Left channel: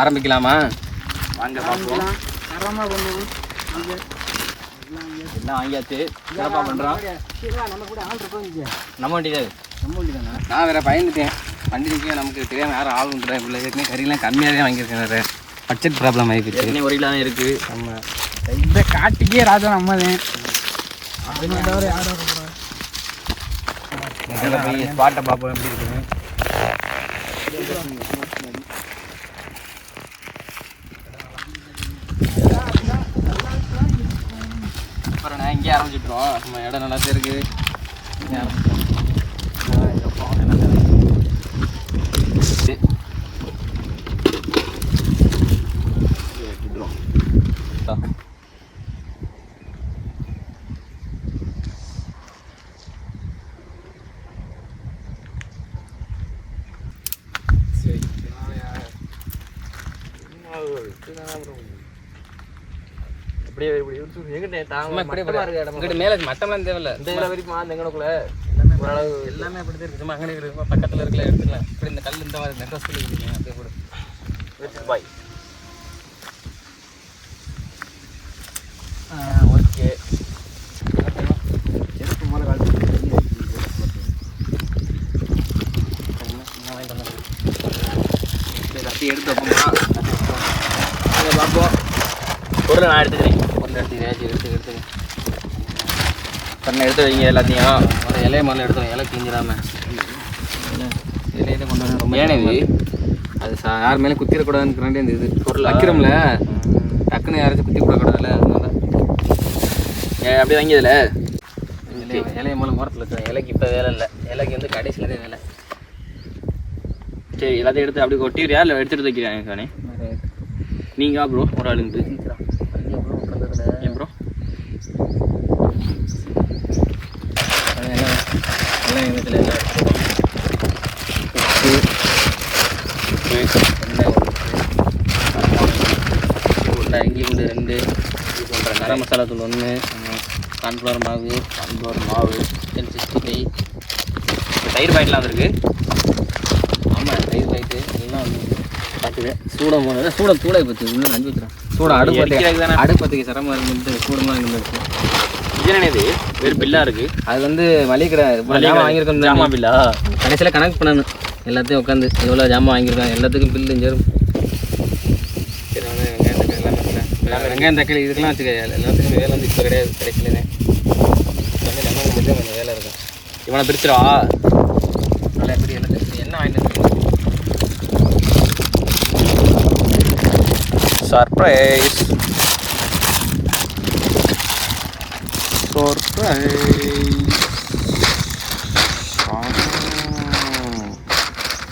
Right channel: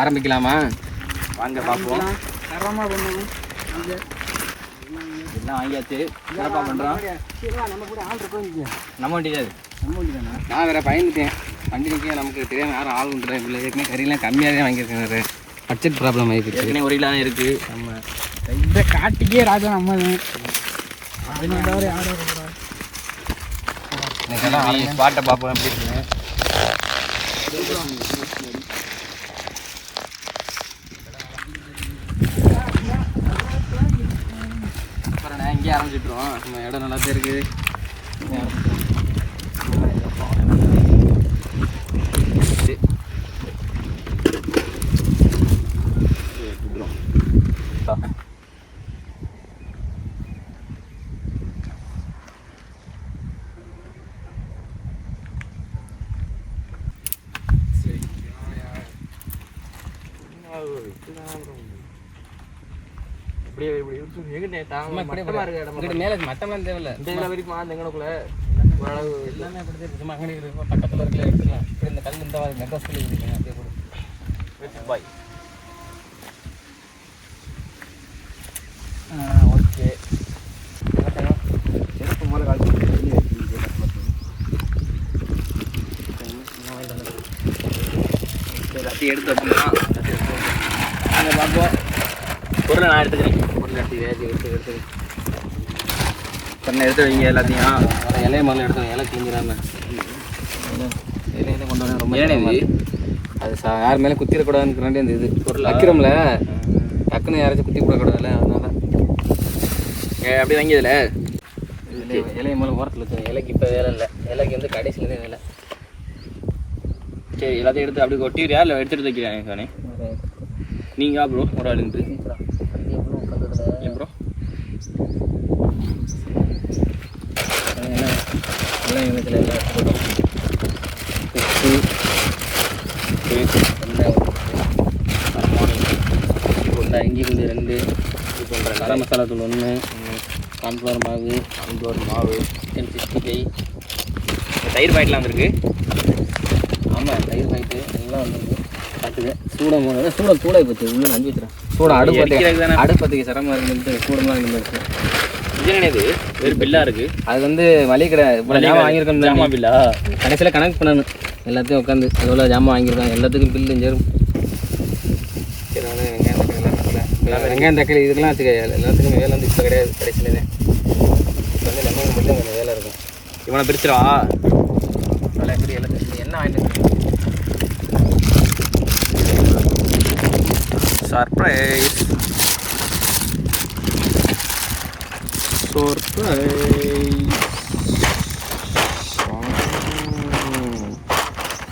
ஆரம்பிக்கலாமா? வாங்க பார்ப்போம். தரமாக பண்ணுவோம். எல்லாம் வாங்கியாச்சு. சிறப்பாக பண்ணுறோம். நம்ம கூட ஆள் இருக்கோம். நம்ம வண்டி தானே. நான் வேறு பயந்துட்டேன். வண்டி நிற்க நமக்கு தெரியாமல் யாரும் ஆள் பண்ணுறேன். இப்போ ஏற்கனவே கறியெல்லாம் கம்மியாக தான் வாங்கியிருக்கேன். வேறு பட்ஜெட் ப்ராப்ளம் ஆகிடுச்சு. ஏற்கனவே 1 கிலோ தான் இருக்குது. நம்ம இந்த காட்டுக்கே ராஜா நம்ம தான். அதனால யாரும் போய் ஸ்பாட்டை பார்ப்போம் எப்படி இருக்குங்க. அப்புறம் நான் இங்கேயே ஆரம்பிச்சுட்றோம். நம்ம இடம் நல்லா தான் இருக்குது. மேல மட்டம்லாம் தேவையில்ல. இந்த வரைக்கும் எங்கனக்குள்ள ஓரளவு எல்லாமே அப்படி தான் இருக்கு. சும்மா அங்கே இருக்கு, பக்கத்தில் இருக்கல எடுத்துக்கலாம். இப்படி இந்த கல் இந்த மாதிரி நெட்ரஸ் சொல்லிக்கிறீங்க அப்படியே கூட. பாய். ஓகே. செருப்பு மேலே கால் ரத்தி எடுத்து வைப்போமா? நாங்கள் பார்ப்போம். பொருளை நான் எடுத்துக்கிறேன். பொருளை எடுத்து பண்ண எடுத்து வைங்க எல்லாத்தையும். முதல்ல இலையை முதல்ல எடுத்துக்கணும். இலை கிஞ்சிடாமல் இலையில கொண்டு வர ரொம்ப ஏனே அது யார் மேலே குத்திடக்கூடாதுன்னு அந்த இது பொருள் வைக்கிறோம்ல, டக்குன்னு யாராச்சும் குத்தி விடக்கூடாதுல்ல, அதனால அப்படியே வாங்கியதில்ல. இலையை மூலம் ஓரத்தில் வச்சுருவேன். இலைக்கு இப்போ வேலை இல்லை. இலைக்கு வந்து கடைசியில் தான் வேலை. சரி, எல்லாத்தையும் எடுத்து அப்படி கொட்டிடுறியா இல்லை எடுத்துகிட்டு வைக்கிறேன் சானே? நீங்கள் ப்ரோ ஒரு ஆளுங்க ப்ரோ எல்லாம் எண்ணத்தில் எல்லாம் உப்பு இஞ்சி கொண்டு 2 இது பண்ணுறேன். கரம் மசாலா தூள் 1, கார்ன்ஃப்ளவர் மாவு, கார்ன்ஃப்ளவர் மாவு, சிக்கன் 65, தயிர் பாக்கெட்லாம் வந்துருக்கு. ஆமாம், தயிர் பாக்கெட்டு எல்லாம் வந்துருக்கு. பார்த்துக்க சூடம் போனது சூடாக பற்றி உள்ளே நம்பி வச்சுறேன். சூடம் அடுப்பத்துக்கு சிரமம் இருக்குன்ட்டு சூடமாக இருந்துச்சு. இது ஒரு பில்லாக இருக்குது. அது வந்து மளிகை கடை இப்போ ஜாமான் வாங்கியிருக்கோம். ஜாமான் பில்லா கடைசியில் கணக்கு பண்ணணும் எல்லாத்தையும் உட்காந்து. எவ்வளோ ஜாமான் வாங்கியிருக்காங்க எல்லாத்துக்கும் பில்லு சேரும். சரி, வெங்காயம் தக்காளி இதுக்கெல்லாம் வச்சுக்க எல்லாத்துக்கும் வேலை வந்து இப்போ கிடையாது. கடைசியிலே இப்போ வந்து லெமன் மட்டும் கொஞ்சம் வேலை இருக்கும். இவனை பிரிச்சிடா நல்லா எப்படி எல்லாத்தையும் என்ன வாங்கிட்டு சர்ப்ரைஸ்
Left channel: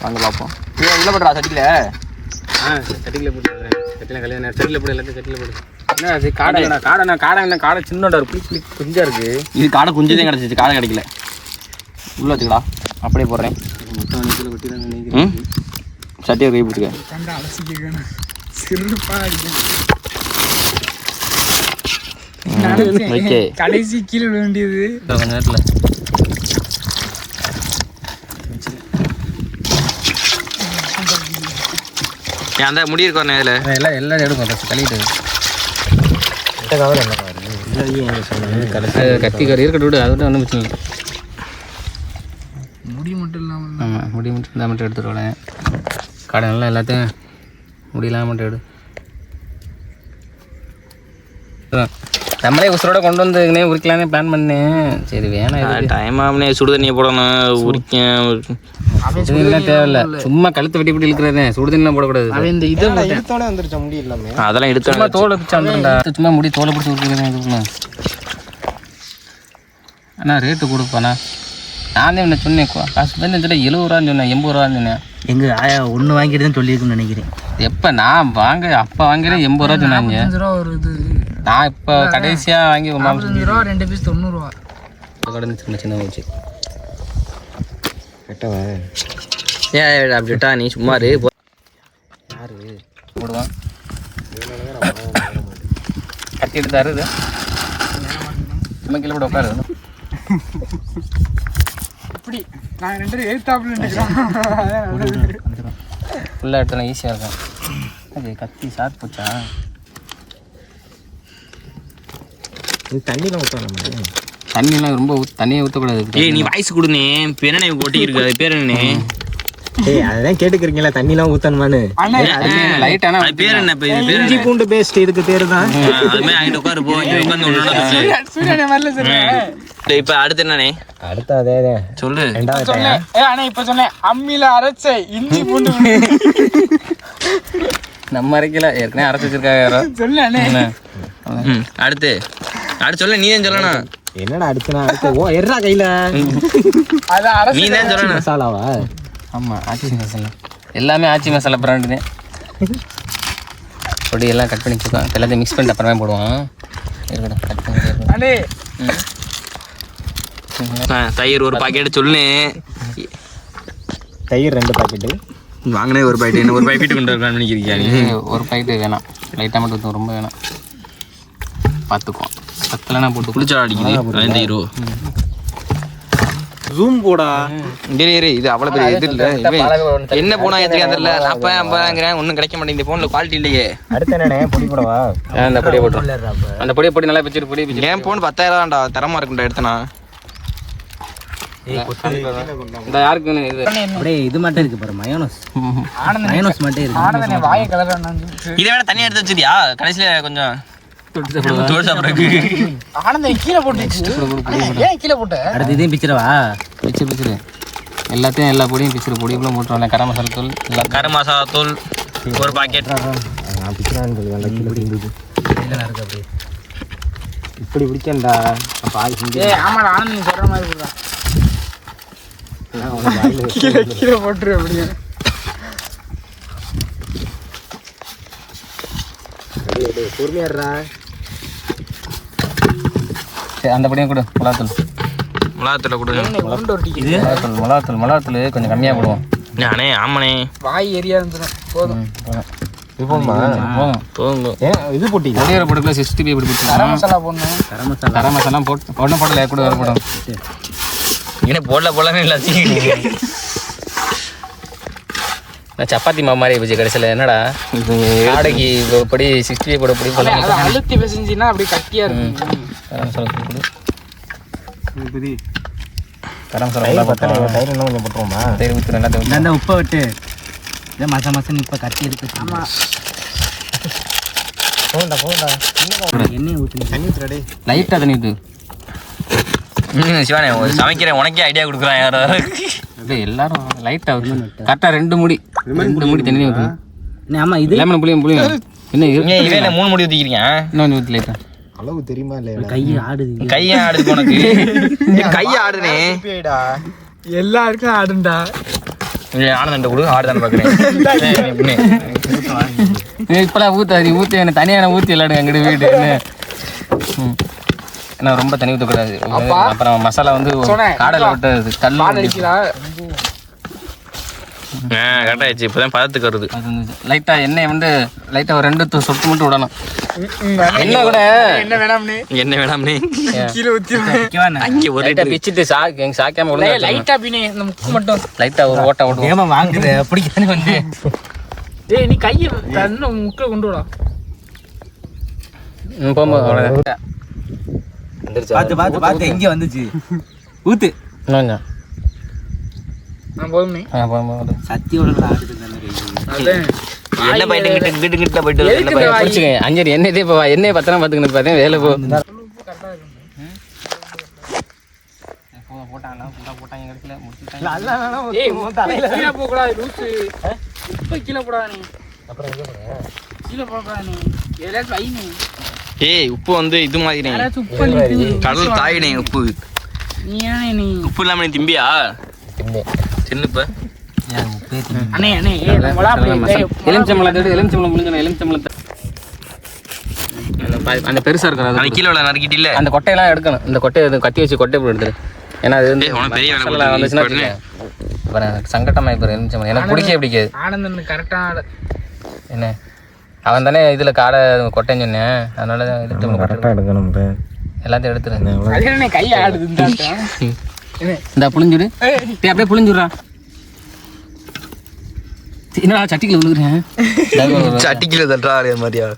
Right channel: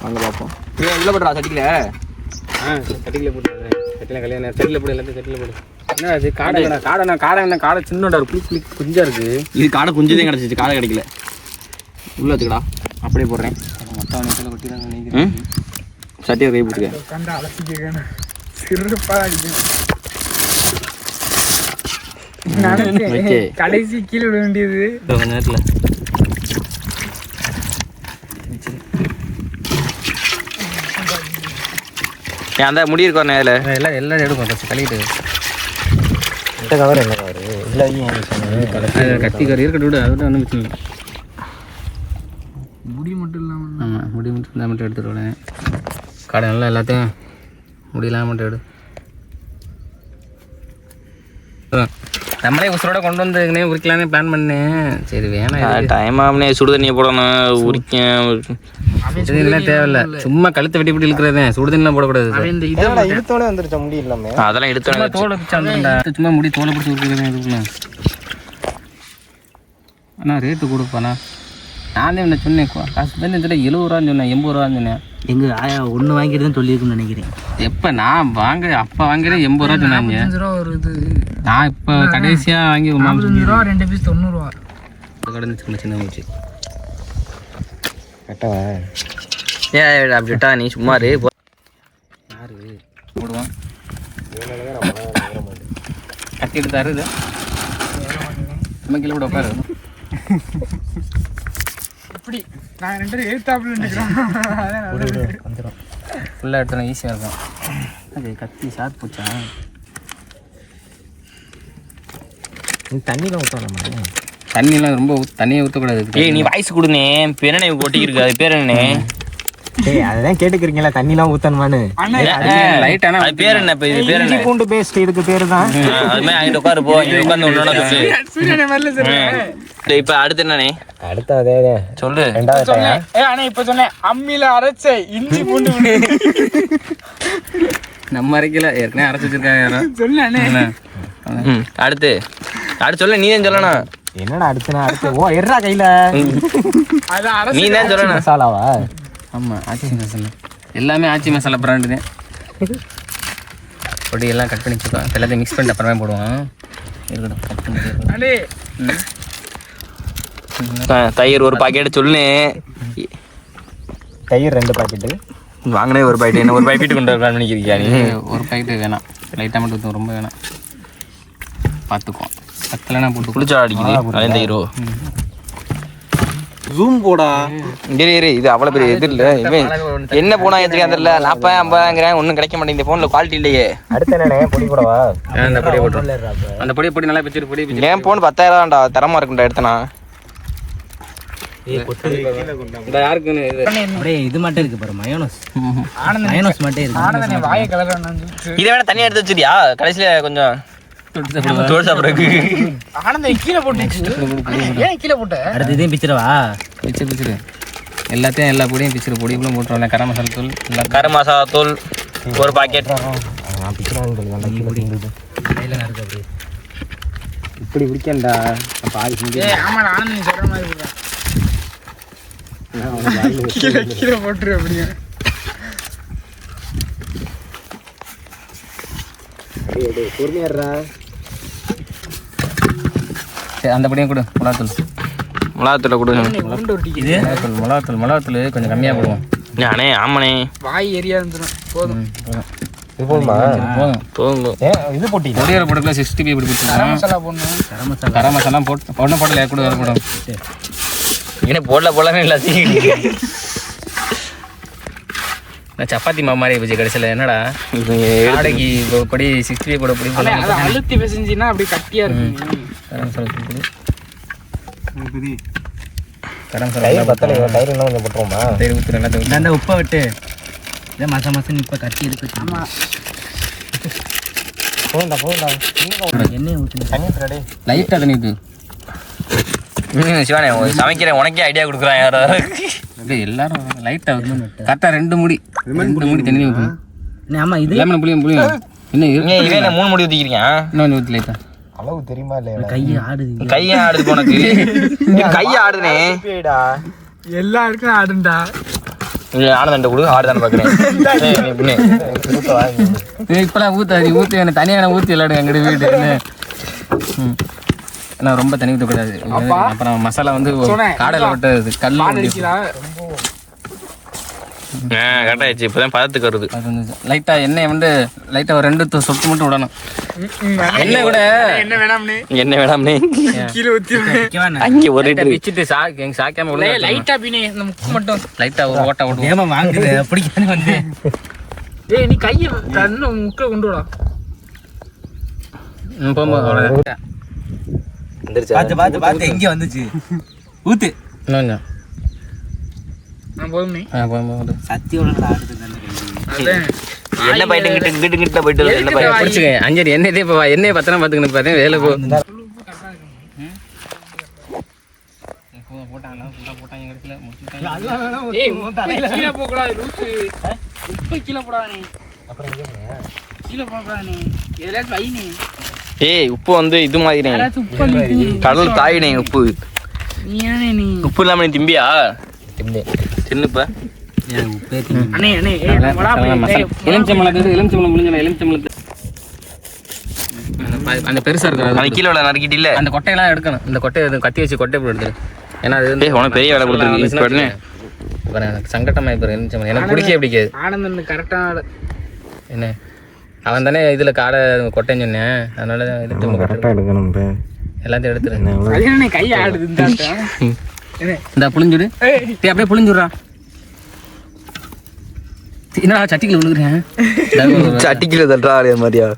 வாங்க பார்ப்போம். இதில் போடுறா சட்டிக்கில். சட்டிக்கில் போட்டு சட்டியில் கல்யாணம் சட்டியில் போடு எல்லாத்தையும் சட்டியில் போடு. என்ன அது காடை சின்னோட ஒரு குளி குஞ்சாக இருக்குது. இது காடை குஞ்சு தான் கிடச்சிச்சு, காடை கிடைக்கல. உள்ளே வச்சுக்கடா, அப்படியே போடுறேன். மொத்தம் சட்டியை கை பிடிச்சிக்க. கடைசி கீழே விட வேண்டியது கொஞ்ச நேரத்தில். அந்த முடி இருக்கோம் அதில் எல்லாம் எடுக்கும். கழுவிட்டு கத்திக்காரி இருக்கட்டும் விடு. அது ஒன்றும் பிரச்சனை இல்லை. முடி மட்டும் இல்லாமல் ஆமாம், முடி மட்டும் எடுத்துடுவேன். கடை நல்லா எல்லாத்தையும் முடியெல்லாம் மட்டும் எடு. நம்மளே உசுரோட கொண்டு வந்து உரிக்கலான்னு பிளான் பண்ணேன். சரி வேணாம், டைம் ஆகுனே. சுடு தண்ணியை போடணும். உரிக்கலாம் தேவையில்லை. சும்மா கழுத்தை வெட்டி பிடி இழுக்கிறதே. சுடு தண்ணிலாம் போடக்கூடாது. இந்த இதெல்லாம் இழுத்தோடனே வந்துருச்சா முடி இல்லாமல்? அதெல்லாம் இழுத்தோட தோலை பிடிச்சி சும்மா முடி தோலை பிடிச்சி உரிக்கிறதுன்னு அண்ணா ரேட்டு கொடுப்பாண்ணா. நானே உன்னை சொன்னேன் காசு வந்து இந்த 70 ரூபான்னு சொன்னேன், 80 ரூபான்னு சொன்னேன். எங்கள் ஆயா ஒன்று வாங்கிட்டு தான் சொல்லியிருக்குன்னு நினைக்கிறேன். எப்போ நான் அப்போ வாங்கிட்டு 80 ரூபா சொன்னாங்க. 45 ரூபா வருது. நான் இப்போ கடைசியாக வாங்கி 45 ரூபா 2 பீஸ் 90 ரூபா கடந்து சின்ன போச்சு. கரெக்டாவா? ஏன் அப்படிட்டா நீ சும்மா யாரு போடுவான் கட்டி எடுத்தாரு. இது சும்மா கீழே கூட உட்காரு. இப்படி நாங்கள் 2 பேரும் எழுத்தாப்புல வந்துடும். ஃபுல்லாக எடுத்தோன்னா ஈஸியாக இருக்கும். அது கத்தி ஷார்ப் போச்சா? தண்ணியெல்லாம் ரொம்ப தண்ணியை ஊற்றக்கூடாது. ஏய் நீ வாய்ஸ் கொடுனே, பெண்ணை கொட்டி இருக்கு, அது பேர் என்ன? அதெல்லாம் கேட்டுக்கிறீங்களா? தண்ணிலாம் ஊத்தணுமான்னு. லைட்டான அது பேர் என்ன? இப்போ இது பேர் என்ன? பூண்டு பேஸ்ட் இதுக்கு பேரு தான். அதுமாதிரி அங்கிட்ட உட்காரு போ, இங்கே உட்காந்து ஒன்று சொல்லு. இப்போ அடுத்து என்னண்ணே? அடுத்த அதே சொல்லு. சொன்னேன். இப்ப சொன்னேன் அம்மியில அரைச்ச இஞ்சி பூண்டு நம்ம அரைக்கல, ஏற்கனவே அரைச்சி வச்சிருக்காங்க யாரோ. சொன்னேன். அடுத்து சொல்ல, நீ தான் சொல்லணும். என்னடா அடுத்துனா அடுத்து ஓ எர்ரா கையில நீ தான் சொல்லணும். மசாலாவா? ஆமாம், ஆச்சி மசாலா எல்லாமே ஆச்சி மசாலா பிராண்டு தான். பொடியெல்லாம் கட் பண்ணி வச்சுக்கோம். எல்லாத்தையும் மிக்ஸ் பண்ணிட்டு அப்புறமே போடுவான். இருக்கட்டும், கட் பண்ணி தயிர் ஒரு பாக்கெட் சொல்லு. தயிர் 2 பாக்கெட்டு வாங்கினே ஒரு பாக்கெட். என்ன ஒரு பாக்கெட் கொண்டு வரலான்னு நினைக்கிறீங்க நீ? ஒரு பாக்கெட்டு வேணாம், லைட்டாக மட்டும் ஊற்றும், ரொம்ப வேணாம். பார்த்துக்குவோம், பத்தலைனா போட்டு குளிச்சா அடிக்குது. அதே தயிரோ ரூம் போடா. இது அவ்வளோ பெரிய இது இல்லை. என்ன போனா எதுக்கு தெரியல. 40-50 ஒன்றும் கிடைக்க மாட்டேங்குது. ஃபோனில் குவாலிட்டி இல்லையே. அடுத்து என்னண்ணே? பொடி போடவா? அந்த பொடியை போட்டு அந்த பொடி நல்லா வச்சுட்டு பொடி என் ஃபோன் 10,000 தரமா இருக்குண்டா எடுத்தனா. இந்த யாருக்குன்னு அப்படியே இது மட்டும் இருக்கு பாரு, மயோனஸ். மயோனஸ் மட்டும் இருக்கு. ஆனந்தனே வாயை கலரானது. இதை வேணா தனியா எடுத்து வச்சிரியா? கடைசியில கொஞ்சம் தோல் சாப்பிடுறதுக்கு. ஆனந்தனே கீழே போட்டுச்சு. ஏன் கீழே போட்ட? அடுத்து இதையும் பிச்சிரவா? பிச்சிரு எல்லாத்தையும், எல்லா பொடியும் பிச்சிரு. பொடிகளும் போட்டுருவாங்க. கரம் மசாலா தூள், கரம் மசாலா தூள் ஒரு பாக்கெட். இப்படி பிடிக்கண்டா. ஆமா, ஆனந்தன் சொல்ற மாதிரி போடுறா. கீழே போட்டுரு. அப்படியே பொறுமையாடுறா. சரி, அந்த பொடியும் கொடு. மிளகாத்தூளை கொடுங்க. மிளகாத்தூள் கொஞ்சம் கம்மியாக போடுவோம். அண்ணே ஆமாண்ணே, வாய் எரியா இருந்துடும். போதும் போதும். இது போட்டி பொடியோட போட்டுக்கலாம். 65 இப்படி போட்டு கரம் மசாலா போடணும். கரம் மசாலா போடல கூட வர போடும். என்ன போடலன்னு எல்லாத்தையும் சப்பாத்தி மாவு மாதிரி போச்சு கடைசியில். என்னடா ஆடைக்கு பொடி 65 போட பொடி அதை அழுத்தி பிசைஞ்சின்னா அப்படி கட்டியா இருக்கும். கரம் மசாலா கொடு. கரம் மசாலா போட்டுருவோமா? தயிர் ஊற்று எல்லாத்தையும். அந்த உப்பை விட்டு மாசம் இப்போ கட்டி இருக்கு. ஆமா, எண்ணெய் ஊற்றி லைட்டாக தண்ணி ஊற்று. சிவானே சமைக்கிறேன், உனக்கே ஐடியா கொடுக்குறான் யாரோ. அப்படியே எல்லாரும் லைட்டாக ஊற்று. கரெக்டாக 2 மூடி தண்ணி ஊற்றணும். ஆமா, இது லெமன் புளியும் என்ன இவன் 3 முடி ஊற்றிக்கிறீங்க. இன்னொன்று ஊற்றி லைட்டாக. அளவு தெரியுமா இல்லையா? கை ஆடுது. கையை ஆடுது உனக்கு. கையை ஆடுனே. எல்லாருக்கும் ஆடுண்டா. ஆனந்த கொடு, ஆடுதானே பார்க்குறேன். இப்போலாம் ஊற்றாது. நீ ஊற்றி என்ன தனியாக ஊற்றி விளாடுங்க எங்கிட்ட வீடு. ஏன்னா ரொம்ப தண்ணி ஊற்றக்கூடாது. அப்புறம் மசாலா வந்து காடலை விட்டு கல் கரெக்டாகிடுச்சு. இப்போதான் பதத்துக்கு வருது. லைட்டாக எண்ணெய் வந்து லைட்டாக ஒரு 2 சொட்டு மட்டும் விடணும். எண்ணெய் கூட என்ன வேணாம்னே, என்ன வேணாம்னே கீழே ஊற்றி அங்கே ஒரு லிட்டர் வச்சுட்டு சாக்காம விட லைட்டா பின்னே இந்த முக்கு மட்டும் லைட்டாக ஒரு ஓட்ட விடுவோம். ஏமா வாங்குது அப்படி வந்து. ஏய், நீ கையை கண்ணு முக்கில் கொண்டு விடா. போகும்போது பார்த்து இங்கே வந்துச்சு. ஊத்து இன்னும் நான் போதும்னே. போகும்போது சத்தியோட ஆடுது. என்ன போயிட்டு கிட்ட போயிட்டு என்ன போய் பிடிச்சிங்க. அஞ்சரி எண்ணெய் இப்போ எண்ணெய் பத்திரம் பார்த்துக்கணும். பார்த்தேன் வேலை ஏய் உப்பு வந்து இது மாதிரி கடல் தாயினே. உப்பு உப்பு இல்லாம நீ திம்பியா? சின்னப்ப எலுமிச்சம்பழம் முடிஞ்ச எலுமிச்சம்பழத்தை அந்த பெருசா இருக்கிற கீழே நறுக்கிட்டு இல்ல. அந்த கொட்டையெல்லாம் எடுக்கணும். இந்த கொட்டையை கத்தி வச்சு கொட்டை போட்டு எடுத்துரு. ஏன்னா அது வந்து உனக்கு பெரிய வேலை கொடுத்துருக்கு. சங்கட்டமா இப்போ எலுமிச்சம்பழம் எனக்கு பிடிக்கவே பிடிக்காது. ஆனந்தன் கரெக்டான என்ன அவன் தானே இதுல காடை கொட்டைன்னு சொன்னேன். அதனால கரெக்டாக எடுக்கணும். எல்லாத்தையும் எடுத்துரு. கை ஆடுது. இந்த புளிஞ்சுடு அப்படியே புளிஞ்சுடுறா. என்னடா சட்டிக்குள்ள விழுகுறேன். சட்டிக்கில தட்டா அதே மாதிரியா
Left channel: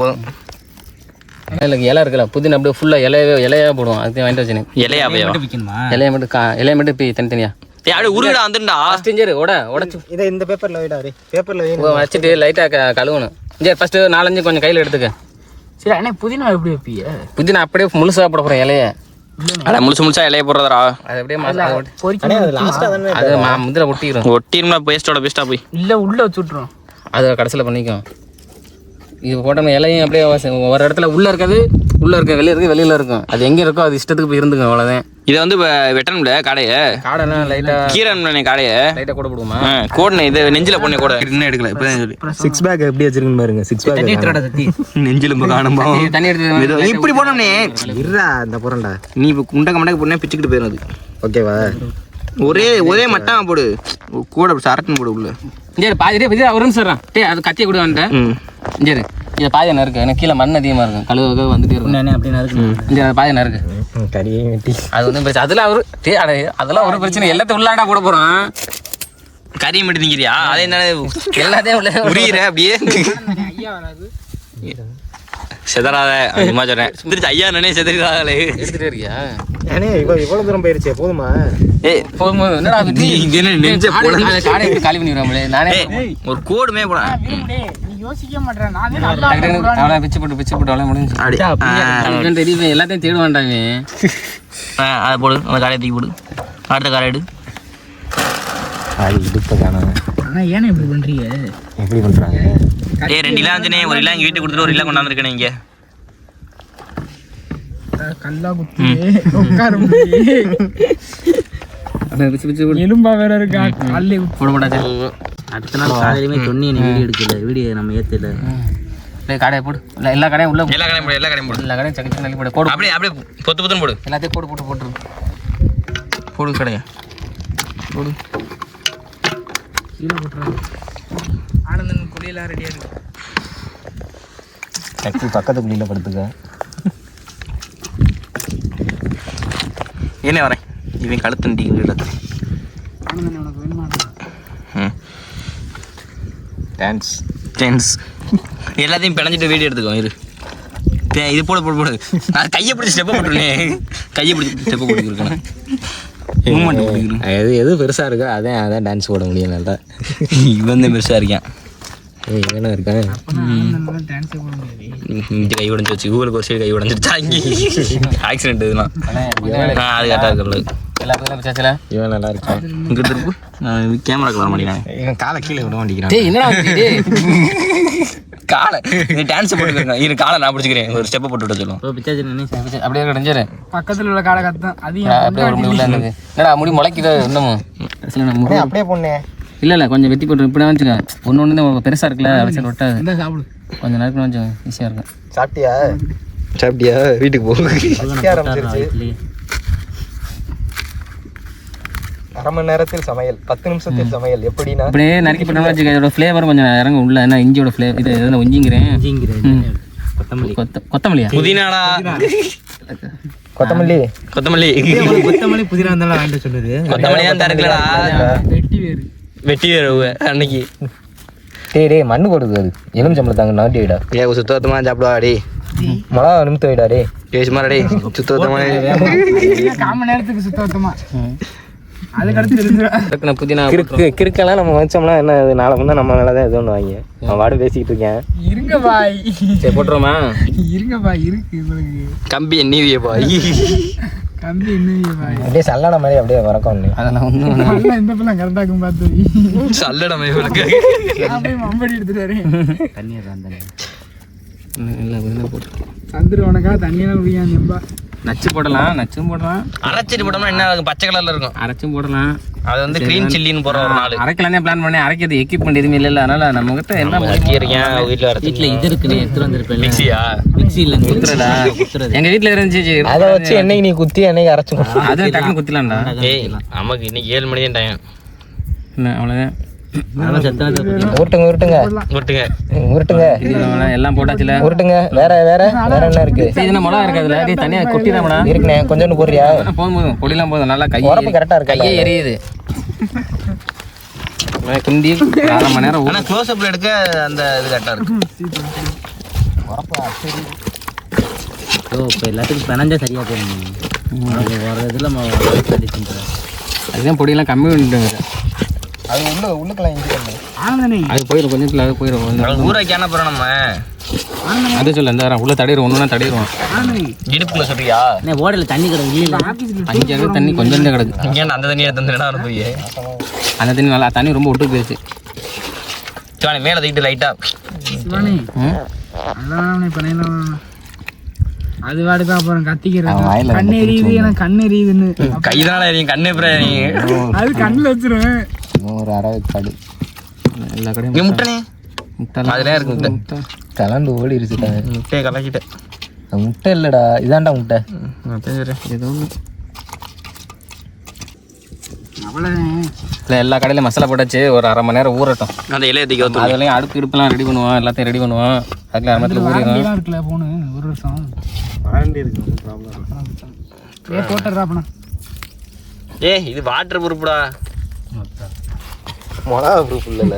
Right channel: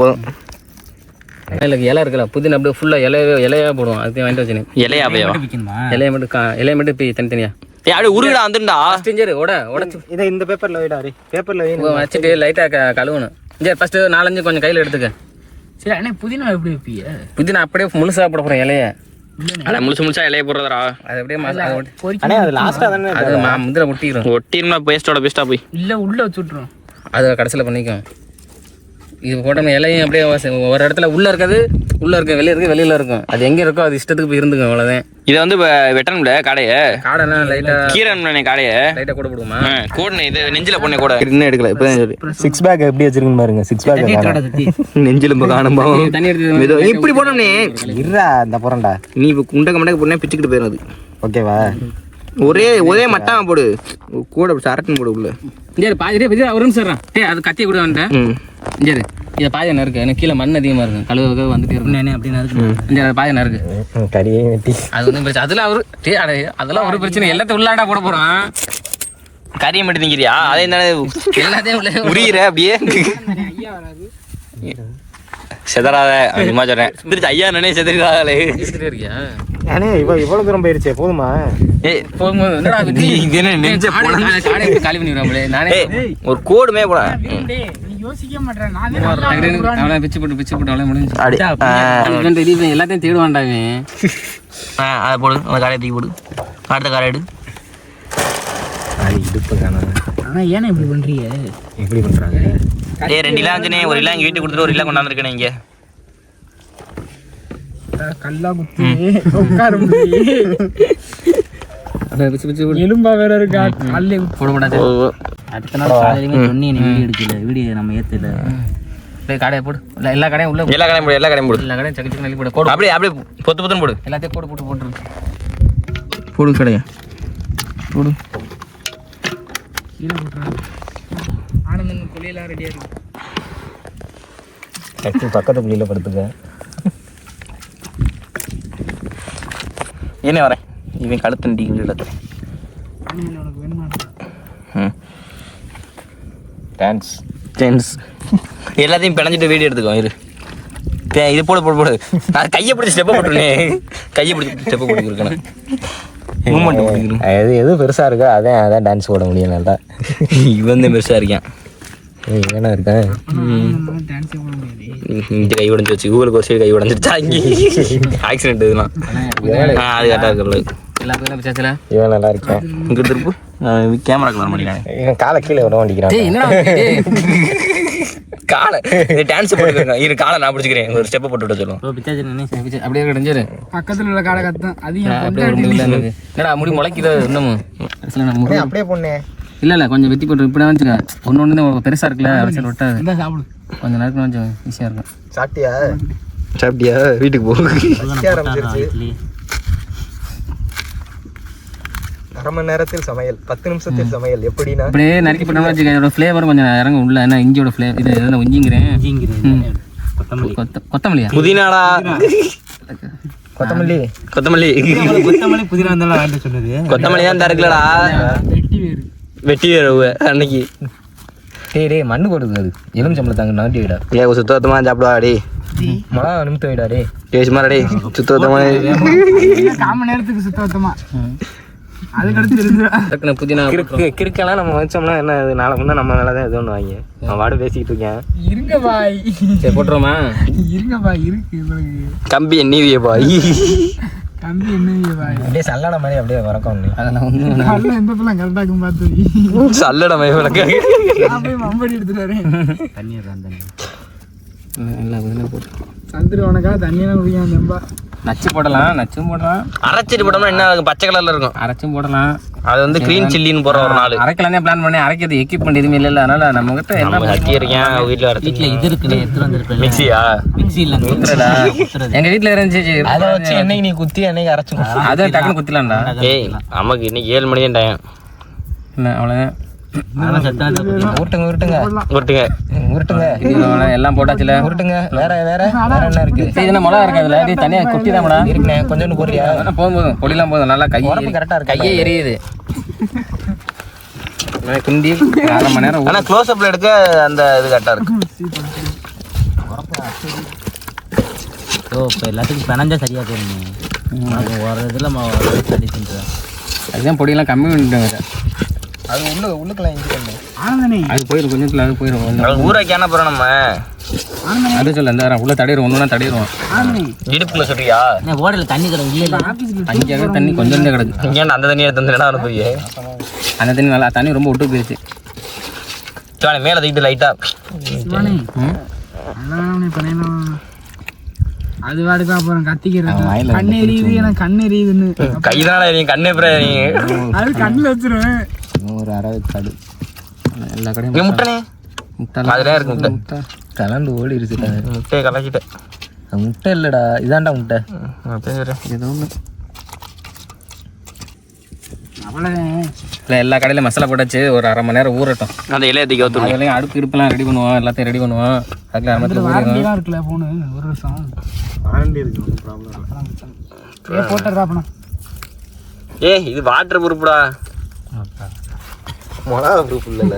போதும். இல்லை இலை இருக்குல்ல புதினா அப்படியே ஃபுல்லாக இலையாக போடுவோம். அதுக்கு வாங்கிட்டு வச்சுனேன். இலையாவையா இலையை மட்டும் இப்போ தனித்தனியா அப்படியே உருவிடா வந்துண்டா. சரி உடச்சு இதை இந்த பேப்பரில் வைடா. பேப்பரில் வச்சுட்டு லைட்டாக கழுவணும். சரி ஃபஸ்ட்டு 4-5 கொஞ்சம் கையில் எடுத்துக்க. சரி அண்ணா புதினா எப்படி வைப்பீங்க? புதினா அப்படியே முழுசாக போட போகிறேன் இலையை. அதான் முழுசா இலைய போடுறதா. அது அப்படியே அது லாஸ்ட்டாக தானே அது முந்தில் ஒட்டிடும். ஒட்டிருமா பேஸ்டோட பேஸ்டா போய் இல்லை உள்ளே வச்சு விட்ருவோம். அதை கடைசியில் பண்ணிக்கும். இது போட்டோம்னா இலையும் அப்படியே ஒரு இடத்துல உள்ளே இருக்காது, உள்ளே இருக்க வெளியே இருக்குது, வெளியில் இருக்கும். அது எங்கே இருக்கோ அது இஷ்டத்துக்கு போய் இருந்துக்கும். அவ்வளோதான். இதை வந்து வெட்டணும்ல காடையை. காடெல்லாம் லைட்டாக கீரை காடையை லைட்டாக கூட போடுவோமா? கோடனே இது நெஞ்சில பொண்ணே கூட இன்னும் எடுக்கல. இப்போதான் சொல்லி 6 பேக் எப்படி வச்சிருக்குன்னு பாருங்க. 6 பேக் நெஞ்சிலும் காணும்பா. தண்ணி எடுத்து இப்படி போனோம்னே இருடா இந்த புறண்டா. நீ இப்போ குண்டக்க மண்டக்க பொண்ணே பிச்சுக்கிட்டு போயிடும். அது ஓகேவா? ஒரே மட்டாம போடு, கூட சரக்குன்னு போடு உள்ள. சரி பாதி ஒரு நிமிஷம் சொல்கிறேன். அது கத்தியை கூட வந்துட்டேன். சரி இதை பாதி என்ன இருக்குது? எனக்கு கீழே மண் அதிகமாக இருக்கும். கழுவுக்கு வந்துட்டு இருக்கும். அப்படின்னு இருக்கு. இந்த பாதி என்ன இருக்குது? கறியே வெட்டி அது ஒன்றும் பிரச்சனை. அதெல்லாம் ஒரு பிரச்சனை. எல்லாத்தையும் உள்ளாண்டா போட போகிறான். கறியை மட்டும் திங்கிறியா? அதே என்ன எல்லாத்தையும் உரியிற அப்படியே செதறாத. சும்மா சொல்றேன். திருச்சி ஐயா நானே செதறாதே. எடுத்துகிட்டே இருக்கியா? ஏன்னா இவ்வளோ தூரம் போயிருச்சே போதுமா? நெஞ்ச காலி பண்ணிடுவாங்களே. நானே ஒரு கோடுமே போட யோசிக்க மாட்டேன். அவளை பிச்சு போட்டு அவளை முடிஞ்சு தெரியும். எல்லாத்தையும் தேடுவான்டாங்க. அதை போடு, அந்த காலையை தூக்கி போடு. அடுத்த காரை எடு. அது இடுப்பை காணாம. ஆனால் ஏன்னா இப்படி பண்ணுறீங்க? எப்படி பண்ணுறாங்க? 2 கிலோ வந்துனே, 1 கிலோ எங்கள் வீட்டுக்கு கொடுத்துட்டு 1 கிலோ கொண்டாந்துருக்கேன். இங்கே கல்லா குத்தி எலும்பா வேற இருக்கா? போட மாட்டாது. அடுத்த நாள் காலையிலுமே சொன்னி வீடியோ எடுக்கல. வீடியோ நம்ம ஏற்றல. கடையை போடு. எல்லா கடையும் உள்ள எல்லா கடையும் போடு. எல்லா கடையும் போடு. எல்லா கடையும் சக்கி நல்லி போடு. போடு அப்படியே பொத்து பொத்துன்னு போடு. எல்லாத்தையும் போட்டுரு. போடு கடையா போடு. கீழே போட்டுறாங்க. ஆனந்தன் குழியெல்லாம் ரெடியாக இருக்கு. பக்கத்து குழியில் படுத்துக்க. என்ன வரேன் இவன் கழுத்து டீ இடத்துல. ஆனந்தன் உனக்கு வேணுமா? தேங்க்ஸ். எல்லாத்தையும் பிணைஞ்சிட்டு வீடியோ எடுத்துக்கோ. இது போடு. நான் கையை பிடிச்சி ஸ்டெப்பை போட்டுருனே. கையை பிடிச்சி ஸ்டெப்பை போட்டுருக்கேன். மூமெண்ட் போட்டுக்கிறேன். எது பெருசாக இருக்கோ அதான் டான்ஸ் போட முடியும். நல்லா இவன் தான் பெருசாக இருக்கேன். வேணா இருக்கேன். இந்த கை உடஞ்சி வச்சு ஊருக்கு ஒரு சைடு கை உடஞ்சிருச்சா? இங்கே ஆக்சிடென்ட் இதெல்லாம் அது கரெக்டாக இருக்கிறது. எல்லா பேரும் விசாரிச்சல இவன் நல்லா இருக்கான். இங்கே திருப்பு கேமராக்கு வர மாட்டேங்கிறான். இவன் காலை கீழே விட மாட்டேங்கிறான். என்னடா காலை டான்ஸ் போட்டுக்கிறேன். இரு காலை நான் பிடிச்சிக்கிறேன். ஒரு ஸ்டெப்பை போட்டு விட சொல்லுவோம். அப்படியே கிடைஞ்சிரு. பக்கத்தில் உள்ள காலை கத்தான். அப்படியே ஒரு முடி உள்ள இருந்தது. என்னடா முடி முளைக்குது இன்னமும். அப்படியே பொண்ணு இல்லை கொஞ்சம் வெட்டி போட்டு இப்படி வச்சுக்க. ஒன்று தான் பெருசாக இருக்குல்ல. அவசியம் விட்டாது. சாப்பிடு. கொஞ்சம் நேரத்துக்கு கொஞ்சம் ஈஸியாக இருக்கும். சாப்பிட்டியா? வீட்டுக்கு போ. அரை மணி நேரத்தில் சமையல், 10 நிமிஷத்தில் சமையல். எப்படின்னா அப்படியே நறுக்கி போட்டோம்னு வச்சுக்க. இதோட ஃப்ளேவர் கொஞ்சம் இறங்க உள்ள. என்ன இஞ்சியோட ஃப்ளேவர் இது எதுனா ஒஞ்சிங்கிறேன். கொத்தமல்லியா? புதினாடா. கொத்தமல்லி புதினா வந்தாலும் வாங்கிட்டு சொல்லுது. கொத்தமல்லி தான் தருக்கலடா. வெட்டி வேறு அன்னைக்கு டேய் மண்ணு போடுது. அது எலும்பு சம்பளத்தாங்க நவட்டி விடா. சுத்தமாக சாப்பிடுவா டே. மிளகா நிமித்த விடா டே. சும்மா டே சுத்தமாக காம நேரத்துக்கு சுத்தமா. அதுக்கடுத்து புதினா கிறுக்கெல்லாம் நம்ம வச்சோம்னா என்ன நாளை முன்னா நம்ம மேலே தான் எது ஒன்று வாங்கி நான் வாடு பேசிக்கிட்டு இருக்கேன். இருங்க பாய். சரி போட்டுருமா? இருங்க பாய். இருக்கு கம்பி எண்ணிவிய பாய். கம்பி எண்ணிவிய பாய். அப்படியே சல்லடை மாதிரி அப்படியே வரக்கும். அதெல்லாம் ஒன்றும் நல்லா எந்த பிள்ளை கரெக்டாகும் பார்த்து சல்லடை மாதிரி விளக்கு மம்படி எடுத்துட்டு வரேன். தண்ணியை நல்லா புதினா போட்டு தந்துருவானுக்கா. தண்ணியெல்லாம் குடிக்கான்பா. நச்சு போடலாம். நச்சும் போடலாம். அரைச்சிட்டு போட்டோம்னா என்ன பச்சை கலர்ல இருக்கும். அரைச்சும் போடலாம். அது வந்து கிரீன் சில்லின்னு போற ஒரு நாள் அரைக்கலானே பிளான் பண்ணேன். அரைக்கிறது எக்யூப்மெண்ட் எதுவுமே இல்லை. அதனால நம்ம கிட்ட என்ன இருக்கேன் வீட்டில் வீட்டில் இது இருக்குது. எடுத்துட்டு வந்துருக்கேன். மிக்சியா? மிக்சி இல்லை குத்துறடா. எங்க வீட்டில் இருந்துச்சு. அதை வச்சு என்னைக்கு நீ குத்தி என்னைக்கு அரைச்சு அதை டக்குன்னு குத்திலாம்டா. ஏய் நமக்கு இன்னைக்கு 7 மணி தான் டைம். என்ன அவ்வளோதான். உருட்டுங்க எல்லாம் போட்டாச்சுல. உருட்டுங்க. வேற என்ன இருக்கு? இது மிளகா இருக்காதுல. இது தனியா கொட்டி தான் மேடம் இருக்குண்ணே. கொஞ்சோண்டு போடுறியா? போதும் பொடிலாம் போதும். நல்லா கரெக்டா இருக்கு. கையே எரியுது. கிண்டி 1/2 மணி நேரம் ஆனால் க்ளோஸ் அப்பில் எடுக்க அந்த இது கரெக்டாக இருக்கு. ஓ இப்போ எல்லாத்துக்கும் பிணைஞ்சா சரியாக போயிருங்க. அது ஒரு இதில் அடிச்சுன்றேன். அதுதான் பொடியெல்லாம் கம்மி பண்ணிட்டு அது உள்ளுக்கெல்லாம் இங்கே ஆனந்தனே அது போயிடும் கொஞ்சத்தில் அது போயிடும் கொஞ்சம் ஊராக்கியான போகிறோம் நம்ம. அது சொல்ல இந்த உள்ள தடிடுவோம் ஒன்றுனா தடிடுவோம். இடுப்புல சொல்றியா? ஓடையில் தண்ணி கிடக்கு இல்லை அங்கே தண்ணி கொஞ்சம் தான் கிடக்கு. இங்கே அந்த தண்ணியை தந்துடா போய் அந்த தண்ணி நல்லா தண்ணி ரொம்ப விட்டு போயிடுச்சு. மேலே தூக்கிட்டு லைட்டாக அது வாடுதான் அப்புறம் கத்திக்கிறேன். கண்ணு எரியுது எனக்கு கண்ணு எரியுதுன்னு கைதான எரியும் கண்ணு அப்புறம் எரியும். அது கண்ணில் வச்சிருவேன். ஒரு 60 காடு எல்லா கடையும் முட்டைனே முட்டை அதுலேயே இருக்கு முட்டை. முட்டை கலந்து ஓடி இருச்சுட்டாங்க. முட்டையை கலக்கிட்டேன். முட்டை இல்லைடா இதாண்டா முட்டை. பேசுகிறேன் ஏதோ ஒன்று அவ்வளோதான். இல்லை எல்லா கடையிலும் மசாலா போட்டாச்சு. ஒரு 1/2 மணி நேரம் ஊறட்டும். அந்த இலையை தூக்கி ஊற்று. அதுலேயும் அடுப்பு இடுப்புலாம் ரெடி பண்ணுவோம். எல்லாத்தையும் ரெடி பண்ணுவோம். அதுல 1/2 மணி நேரத்தில் ஊறிடும். இருக்குல்ல போனு ஒரு வருஷம் போட்டுறா பணம். இது வாட்டர் ப்ரூஃப்டா. மொளகா ப்ரூஃப் இல்லைல்ல.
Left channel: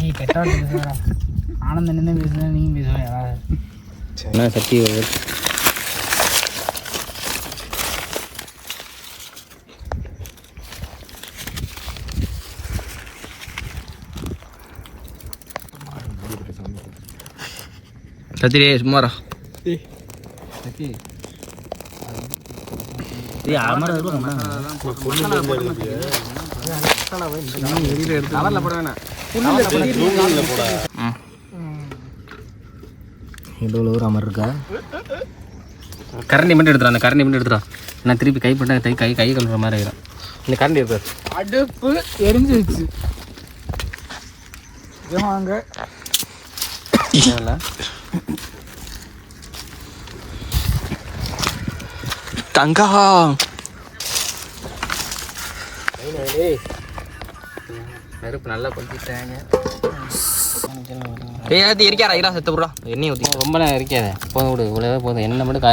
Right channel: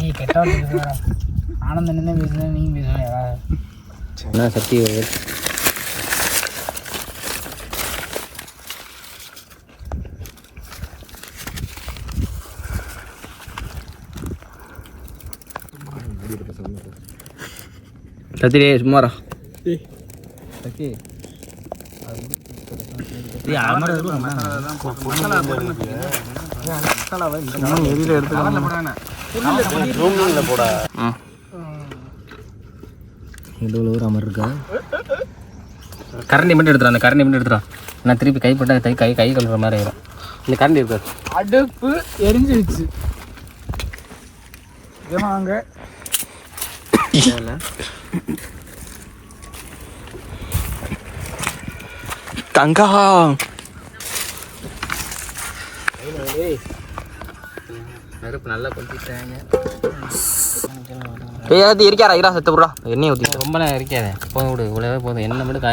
நீ கெட்டா ஆனந்தம் என்ன பேசுனா நீங்க பேசுவா என்ன சக்தி சத்திரே சும்மாரா கரண்டி மட்டும் எடுத்துடும். அந்த கரண்டி மட்டும் எடுத்துடும். நான் திருப்பி கைப்பட்டா கை கழுவுற மாதிரி ஆயிரும். இந்த கரண்டி இருக்காது. அடுப்பு எரிஞ்சிருச்சு. வாங்க தங்கா நெருப்பு நல்லா கொளுத்திட்டாங்க. இருக்காரா இரா செத்து போடுறா எண்ணெய் ஊற்றி. ரொம்பலாம் இருக்காது. போதும் விடு. இவ்வளோ போதும். எண்ணெய் மட்டும்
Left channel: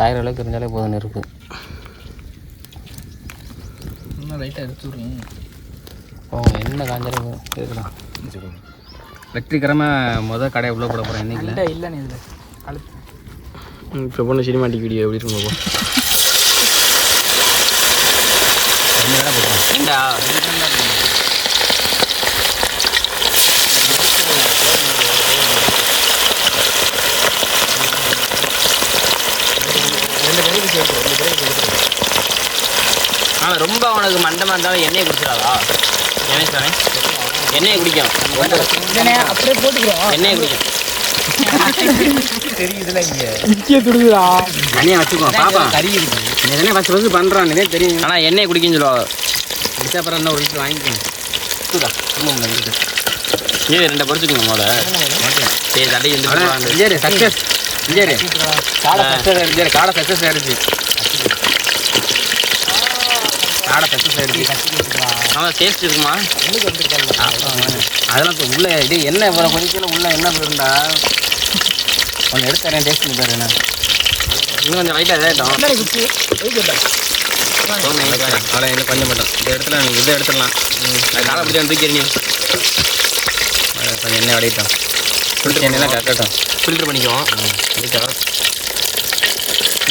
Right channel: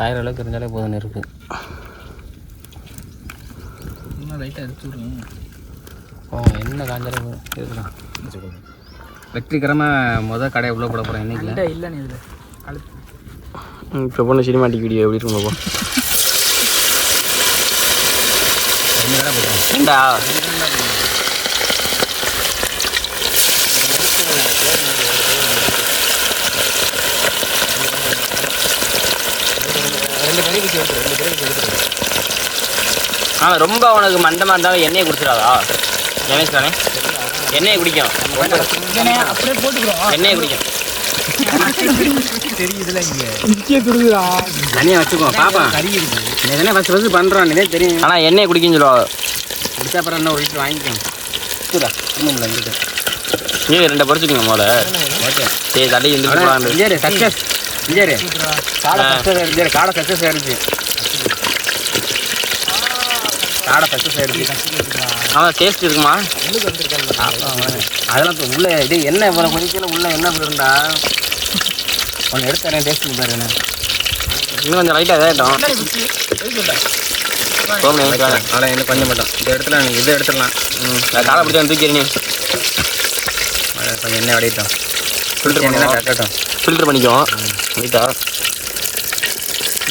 காயிற அளவுக்கு இருந்தாலே போதும். நெருப்பு இன்னும் லைட்டாக எடுத்து விடுங்க. எண்ணெய் காஞ்சாலும் இருக்கலாம். வெற்றிகரமாக கடையை உள்ளே போட போகிறேன். என்னைக்கு இல்லைண்ணே இதில் கழுத்து இப்போ பொண்ணு சினிமாட்டிக் வீடியோ எப்படி இருக்கும் ஏண்டா ரொம்ப அவனுக்கு மண்டமாக இருந்தாலும் எண்ணெயை குடிச்சிடாதா? நினைச்சானே எண்ணெயை குடிக்கும். எண்ணெயை குடிக்கும். தெரியுதுல இங்கே தனியாக வச்சுக்கோ. பாப்பா எதனா ஃபஸ்ட்டு பண்ணுறான் இதே தெரியும். ஆனால் எண்ணெயை குடிக்குன்னு சொல்லுவாங்க. குடிச்சா அப்புறம் என்ன ஒரு வீட்டில் வாங்கிக்கணும். ஏ 2 படிச்சுக்கோங்க மோட. சரி தள்ளி இஞ்சேரி சக்ஸஸ். இஞ்சேரி காடை சக்ஸஸ் ஆயிடுச்சு. காடை சக்ஸஸ் ஆயிடுச்சு. காடை சக்ஸஸ் ஆயிடுச்சு. ஆமாம் டேஸ்ட் இருக்குமா? அதெல்லாம் இப்போ உள்ளே இது என்ன இவ்வளோ கொஞ்சம் உள்ளே என்ன இருந்தா ஒன்று எடுத்து தரேன். டேஸ்ட் பண்ணி பாருங்க. இன்னும் கொஞ்சம் லைட்டாக இதாகிட்டோம். அவ்வளோ இன்னும் கொஞ்சம் மட்டும் இந்த இடத்துல இதை எடுத்துடலாம். காலை பிடிச்சி தூக்கிறீங்க. கொஞ்சம் எண்ணெய் வடிட்டோம். ஃபில்டர் பண்ணி தான் கட்டட்டும். ஃபில்டர் பண்ணிக்குவோம் லைட்டாக.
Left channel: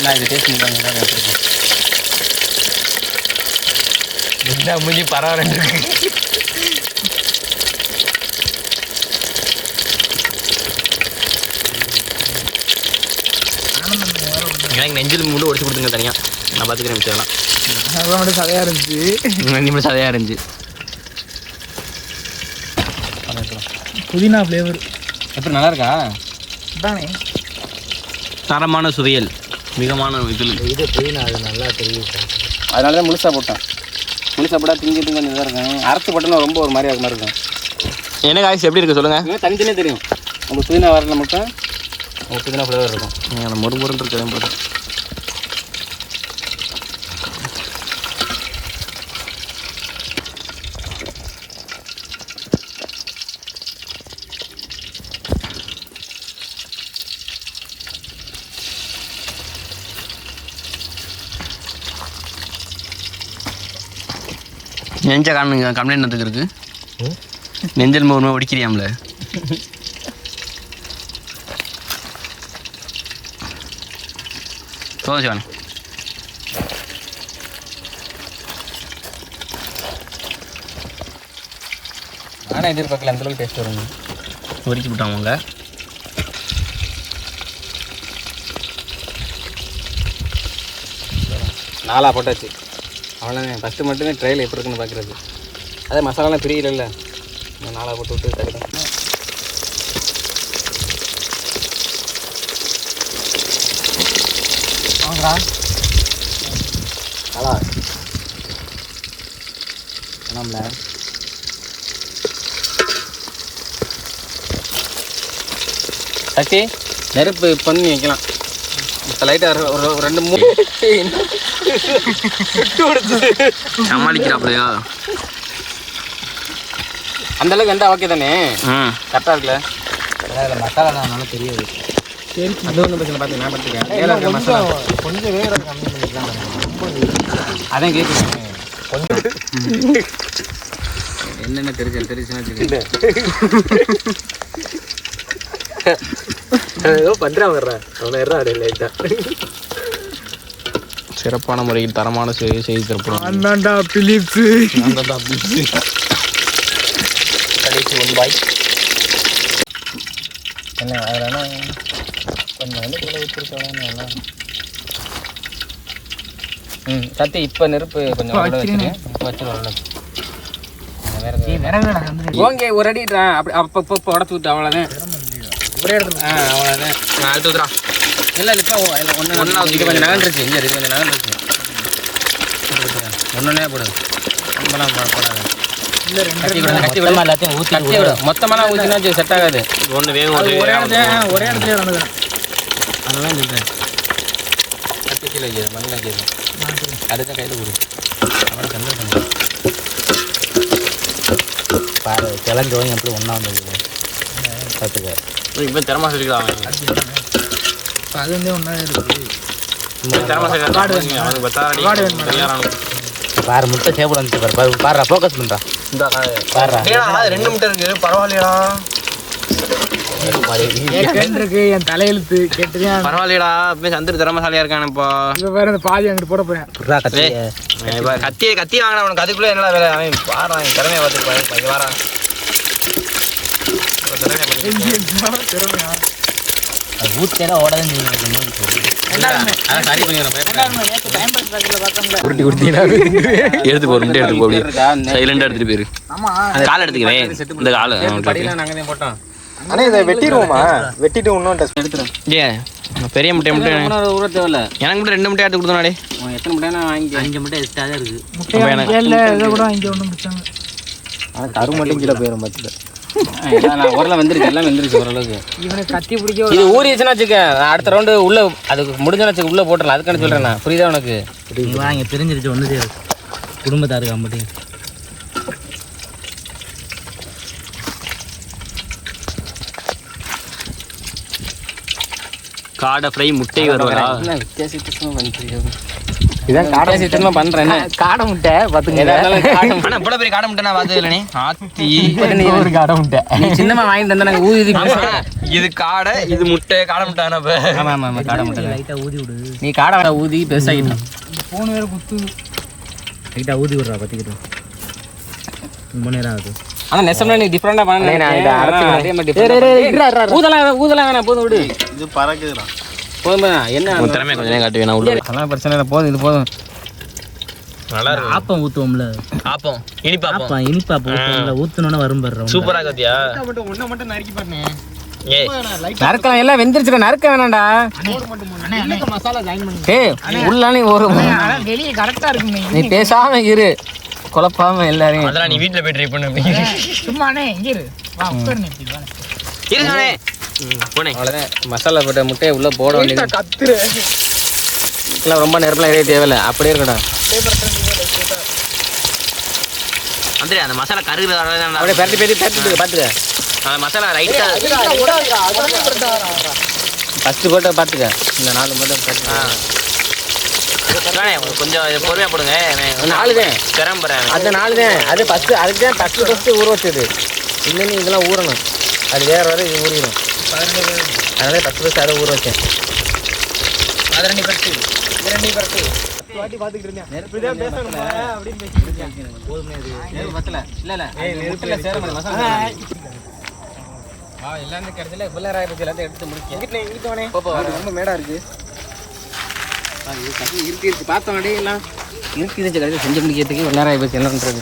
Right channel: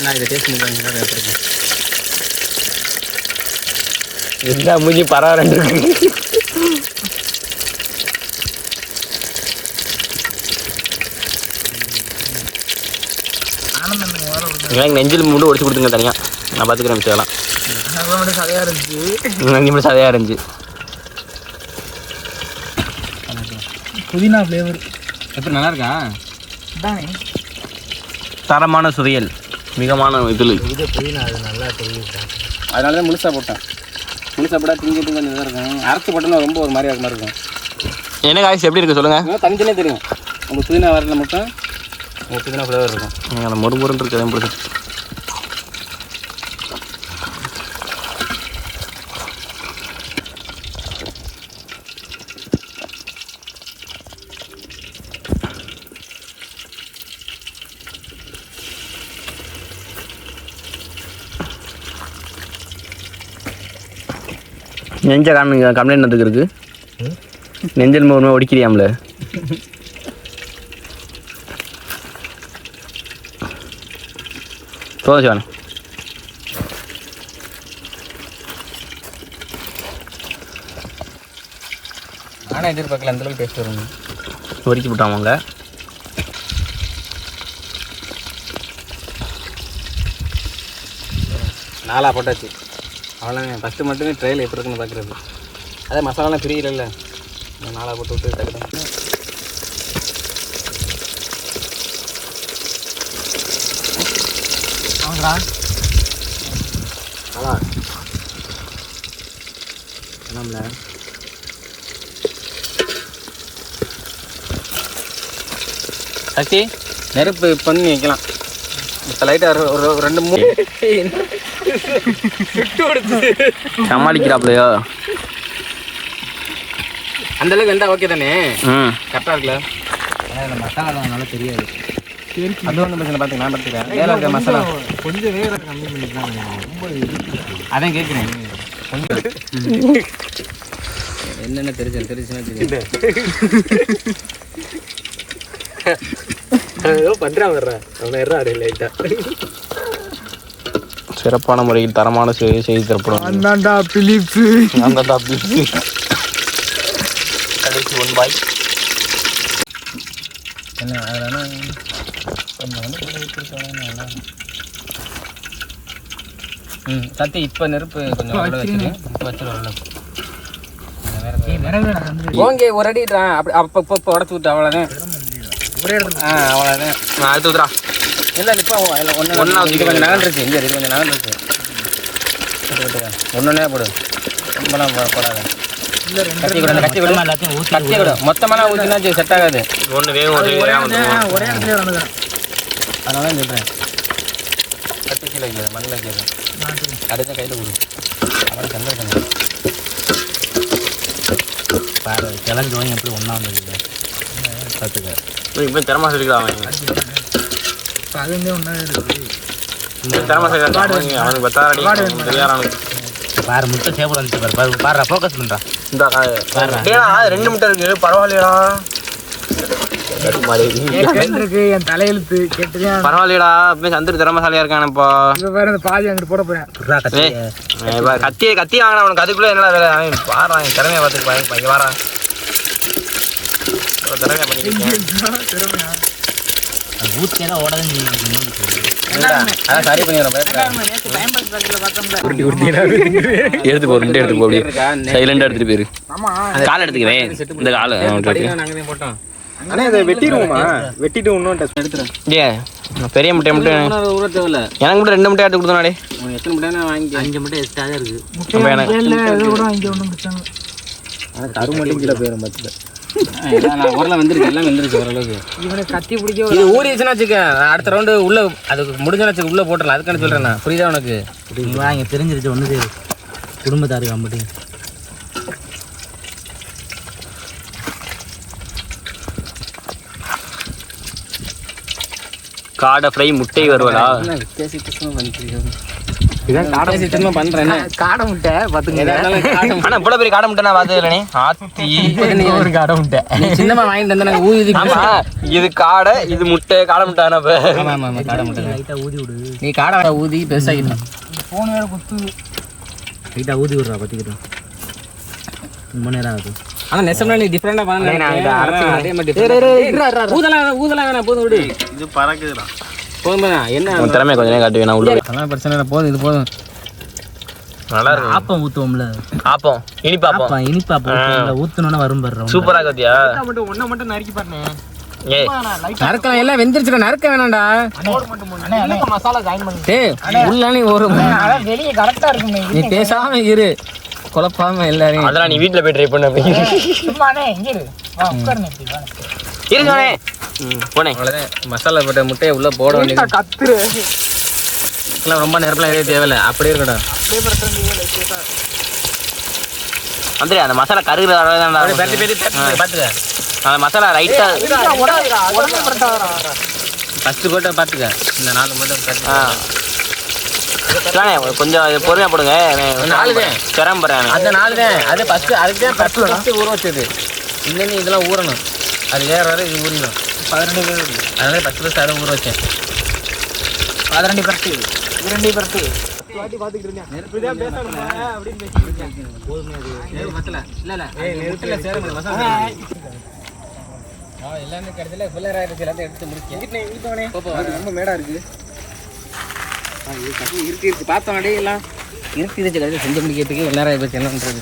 நான் இதை டேஸ்ட் பண்ணி பாருங்க. எடுத்துருக்கேன். என்ன மூஞ்சி பரவாயில்ல இருக்கு. எனக்கு நெஞ்சில் மூண்டு ஒடிச்சு கொடுத்துங்க தனியாக. நான் பார்த்துக்கிறேன் மிச்சம். மட்டும் சதையாக இருந்துச்சு. நெஞ்சு மட்டும் சதையாக இருந்துச்சு. புதினா ஃப்ளேவர் எப்படி நல்லா இருக்கா? தானே தரமான சுவையல் மிகமான இதில். நல்லா தெரியும். அதனால தான் முழுசாக போட்டேன். முழுசாக போட்டால் திங்க கொஞ்சம் இதாக இருக்கும். அரைச்சி போட்டோன்னா ரொம்ப ஒரு மாதிரி மாதிரி இருக்கும். என்ன காய்ச்சி எப்படி இருக்குது சொல்லுங்கள். தனித்தனே தெரியும். அந்த புதினா வரல மட்டும் புதினா ஃப்ளேவர் இருக்கும். அந்த மொறுமுறுன்னு இருக்குது போட்டு. நெஞ்ச கம்ப்ளைண்ட் வந்துருக்கு இருக்கு நெஞ்சல் மூலமாக ஒடிக்கிறியாம்ல போதும் சிவானி ஆனால் எதிர்பார்க்கல அந்தளவுக்கு டேஸ்ட் வருங்க ஒரிக்கி விட்டாமங்க நாலாக போட்டாச்சு அவ்வளோதான் ஃபஸ்ட்டு மட்டுமே ட்ரையில் எப்படி இருக்குன்னு பார்க்குறது அதே மசாலாலாம் பிரியல நாலாக போட்டு விட்டு டக்கு சக்தி நெருப்பு பண்ணி வைக்கலாம் இப்போ லைட்டாக ஒரு 2-3 சமாளிக்கிறாப்லையோ அந்தளவுக்கு இருந்தால் ஓகே தானே கரெக்டாக இருக்குல்ல அதில் மசாலா நல்லா தெரியாது அது ஒன்றும் பிரச்சனை பார்த்து நான் பார்த்துக்கிறேன் வேலை இருக்க மசாலா கொஞ்சம் வேற கம்மி பண்ணிக்கலாம் ரொம்ப அதான் கேட்குறேன் என்னென்ன தெரிஞ்சுன்னா ஏதோ பண்ணுறான் வர்றேன் அவனை அப்படி லைட்டாக சிறப்பான முறையில் தரமான செய்தி தரப்படும் அந்தாண்டா பிலிப்பு கடைசி 1 பாய் என்ன அதெல்லாம் கொஞ்சம் வந்து ஊற்றிருக்கோம் கத்தி இப்போ நெருப்பு கொஞ்சம் வச்சிருவோம் ஓங்கே ஒரு அடி அப்படி அப்போ உடச்சி விட்டு அவ்வளோதான் ஒரே இடத்துல அவ்வளோதான் அடுத்து ஊத்துறா இல்லை இப்போ ஒன்றா இது கொஞ்சம் நகர்ந்துருச்சு இங்கே இது கொஞ்சம் நகர்ந்துருச்சு ஒன்றுனே போடு ரொம்பலாம் போடாத கத்தி விடு மொத்தமெல்லாம் ஊற்றினா செட் ஆகாது ஒரே இடத்துல நடந்தது அதனால தான் சொல்கிறேன் கத்தி கீழே வைக்கிறது மண்ணில் வைக்கிறது அடுத்த கையில் கொடு அவனை கண்டல் பண்ணு பாரு கிளஞ்சவங்க எப்படி ஒன்றா வந்தது பார்த்துக்க இப்போ திறமா சொல்லிக்கலாம் அது வந்து ஒன்றா இருக்குது திறமா சொல்லி அவனுக்கு பத்தாடி தயாரானு பாரு முட்டை சேப்பு வந்துச்சு பாரு பாரு ஃபோக்கஸ் பண்ணுறா இந்த ஏடா 2 முட்டை இருக்கு பரவாயில்லையடா இருக்கு என் தலையெழுத்து கேட்டுறியா பரவாயில்லையடா அப்படியே சந்திர திறமசாலியா இருக்கானப்பா இப்போ வேற அந்த பாதி அங்கிட்டு போட போறேன் கத்தி வாங்கினா உனக்கு அதுக்குள்ள என்னடா வேலை அவன் பாடுறான் திறமையை பார்த்துருப்பான் இங்கே வரான் திறமையா பண்ணிருக்கேன் ஊத்தேனா ஓடாது அதான் சரி பண்ணிடுறேன் எடுத்து போ எடுத்து போ அப்படியே சைலண்டா எடுத்துட்டு போயிரு கால் எடுத்துக்கிறேன் இந்த கால் நாங்கள் தான் போட்டோம் ஆனால் இதை வெட்டிடுவோமா வெட்டிட்டு இன்னும் டெஸ்ட் எடுத்துறேன் ஏன் பெரிய முட்டை ஊற தேவையில்ல எனக்கு மட்டும் 2 முட்டை எடுத்து கொடுத்தோம்னாடே எத்தனை முட்டைனா வாங்கி 5 முட்டை எக்ஸ்ட்ரா தான் இருக்குது இதை கூட இங்கே ஒன்றும் பிரச்சனை ஆனால் தரு மட்டும் கீழே போயிடும் பார்த்துட்டு ஓரளவு வந்துருச்சு எல்லாம் வந்துருச்சு ஓரளவுக்கு இவனை கத்தி பிடிக்க இது ஊறிச்சுன்னா வச்சுக்க அடுத்த ரவுண்டு உள்ள அதுக்கு முடிஞ்சுன்னு வச்சுக்க உள்ள போட்டுடலாம் அதுக்கான சொல்றேன் நான் புரியுதா உனக்கு இங்கே தெரிஞ்சிருச்சு ஒன்று செய்யுது குடும்பத்தாருக்கு அம்பட்டி காடை ஃப்ரை முட்டை வருவதா வித்தியாசமா பண்றேன் காடை முட்டை ஆனா இவ்வளவு பெரிய காடை முட்டை நான் பார்த்தது இல்லைனே ஆத்தி ஒரு காடை முட்டை நீ சின்னமா வாங்கிட்டு வந்தா நாங்கள் ஊதி இது காடை இது முட்டை காடை முட்டை ஆமா ஆமா காடை முட்டை லைட்டாக ஊதி விடு நீ காடை ஊதி பெருசாகிட்டோம் ஃபோன் வேறு குத்து லைட்டாக ஊதி விட்றா பற்றிக்கிட்டோம் ரொம்ப நேரம் ஆகுது ஆனால் நெசம்னா நீ டிஃப்ரெண்டாக பண்ண அதே மாதிரி ஊதலாம் வேணாம் போதும் விடு இது பறக்குதுடா போதும் என்ன திறமையை கொஞ்ச நேரம் காட்டுவேன் நான் உள்ள அதெல்லாம் பிரச்சனை இல்லை போதும் இது போதும் நல்லா இருக்கு ஆப்பம் ஊற்றுவோம்ல ஆப்பம் இனிப்பாப்பம் இனிப்பாப்பம் ஊற்றணுன்னா வரும் பாரு சூப்பரா கத்தியா ஒன்றை மட்டும் நறுக்கி பாருங்க ஏய் நறுக்கலாம் எல்லாம் வெந்துருச்சுடா நறுக்க வேணாம்டா மசாலா ஜாயின் பண்ணி டேய் உள்ள நீ ஒரு வெளியே கரெக்டாக இருக்குமே நீ பேசாம இரு குழப்பாம எல்லாரையும் அதெல்லாம் நீ வீட்டில் போய் ட்ரை பண்ண அப்படின்னு சும்மாண்ணே இங்கே இரு வா உட்காருண்ணே இருங்கண்ணே போனேன் அவ்வளோதான் மசாலா போட்ட முட்டையை உள்ளே போட வேண்டியது கத்துரு இல்லை ரொம்ப நேரத்தில் இதே தேவையில்லை அப்படியே இருக்கட்டும் வந்துடு அந்த மசாலா கருகிற பார்த்துக்க அந்த மசாலா ரைட்டா ஃபஸ்ட்டு போட்டு பார்த்துக்க இந்த 4 போட்டு கொஞ்சம் பொறுமையாக போடுங்க. 4 தான் சிரமப்படுறேன். அந்த 4 தான். அது ஃபஸ்ட்டு அதுக்கு தான் ஃபஸ்ட்டு ஊற வச்சது. இல்லைன்னு இதெல்லாம் ஊறணும். அது வேறு வரை ஊறணும். 12 பேர். அதனால ஃபஸ்ட்டு அதை ஊற வச்சேன். 12 பரட்டு. 2 பரட்டு. வாட்டி பார்த்துக்கிட்டு இருந்தேன். நெருப்புதான் பேசணும் அப்படின்னு பேசிட்டு இருக்கேன். போதுமே அது. நெருப்பு பத்தல. இல்லை நெருப்புல சேர மசாலா. எல்லாமே கிடைச்சல பிள்ளைராக இருக்குது. எல்லாத்தையும் எடுத்து முடிச்சேன். இங்கிட்டவனே ரொம்ப மேடாக இருக்குது. இருக்கு பார்த்தோம் எல்லாம் இருக்கு கிடையாது. செஞ்சு முடிக்கிறதுக்கு வெள்ளாராக போச்சு. என்ன பண்ணுறது?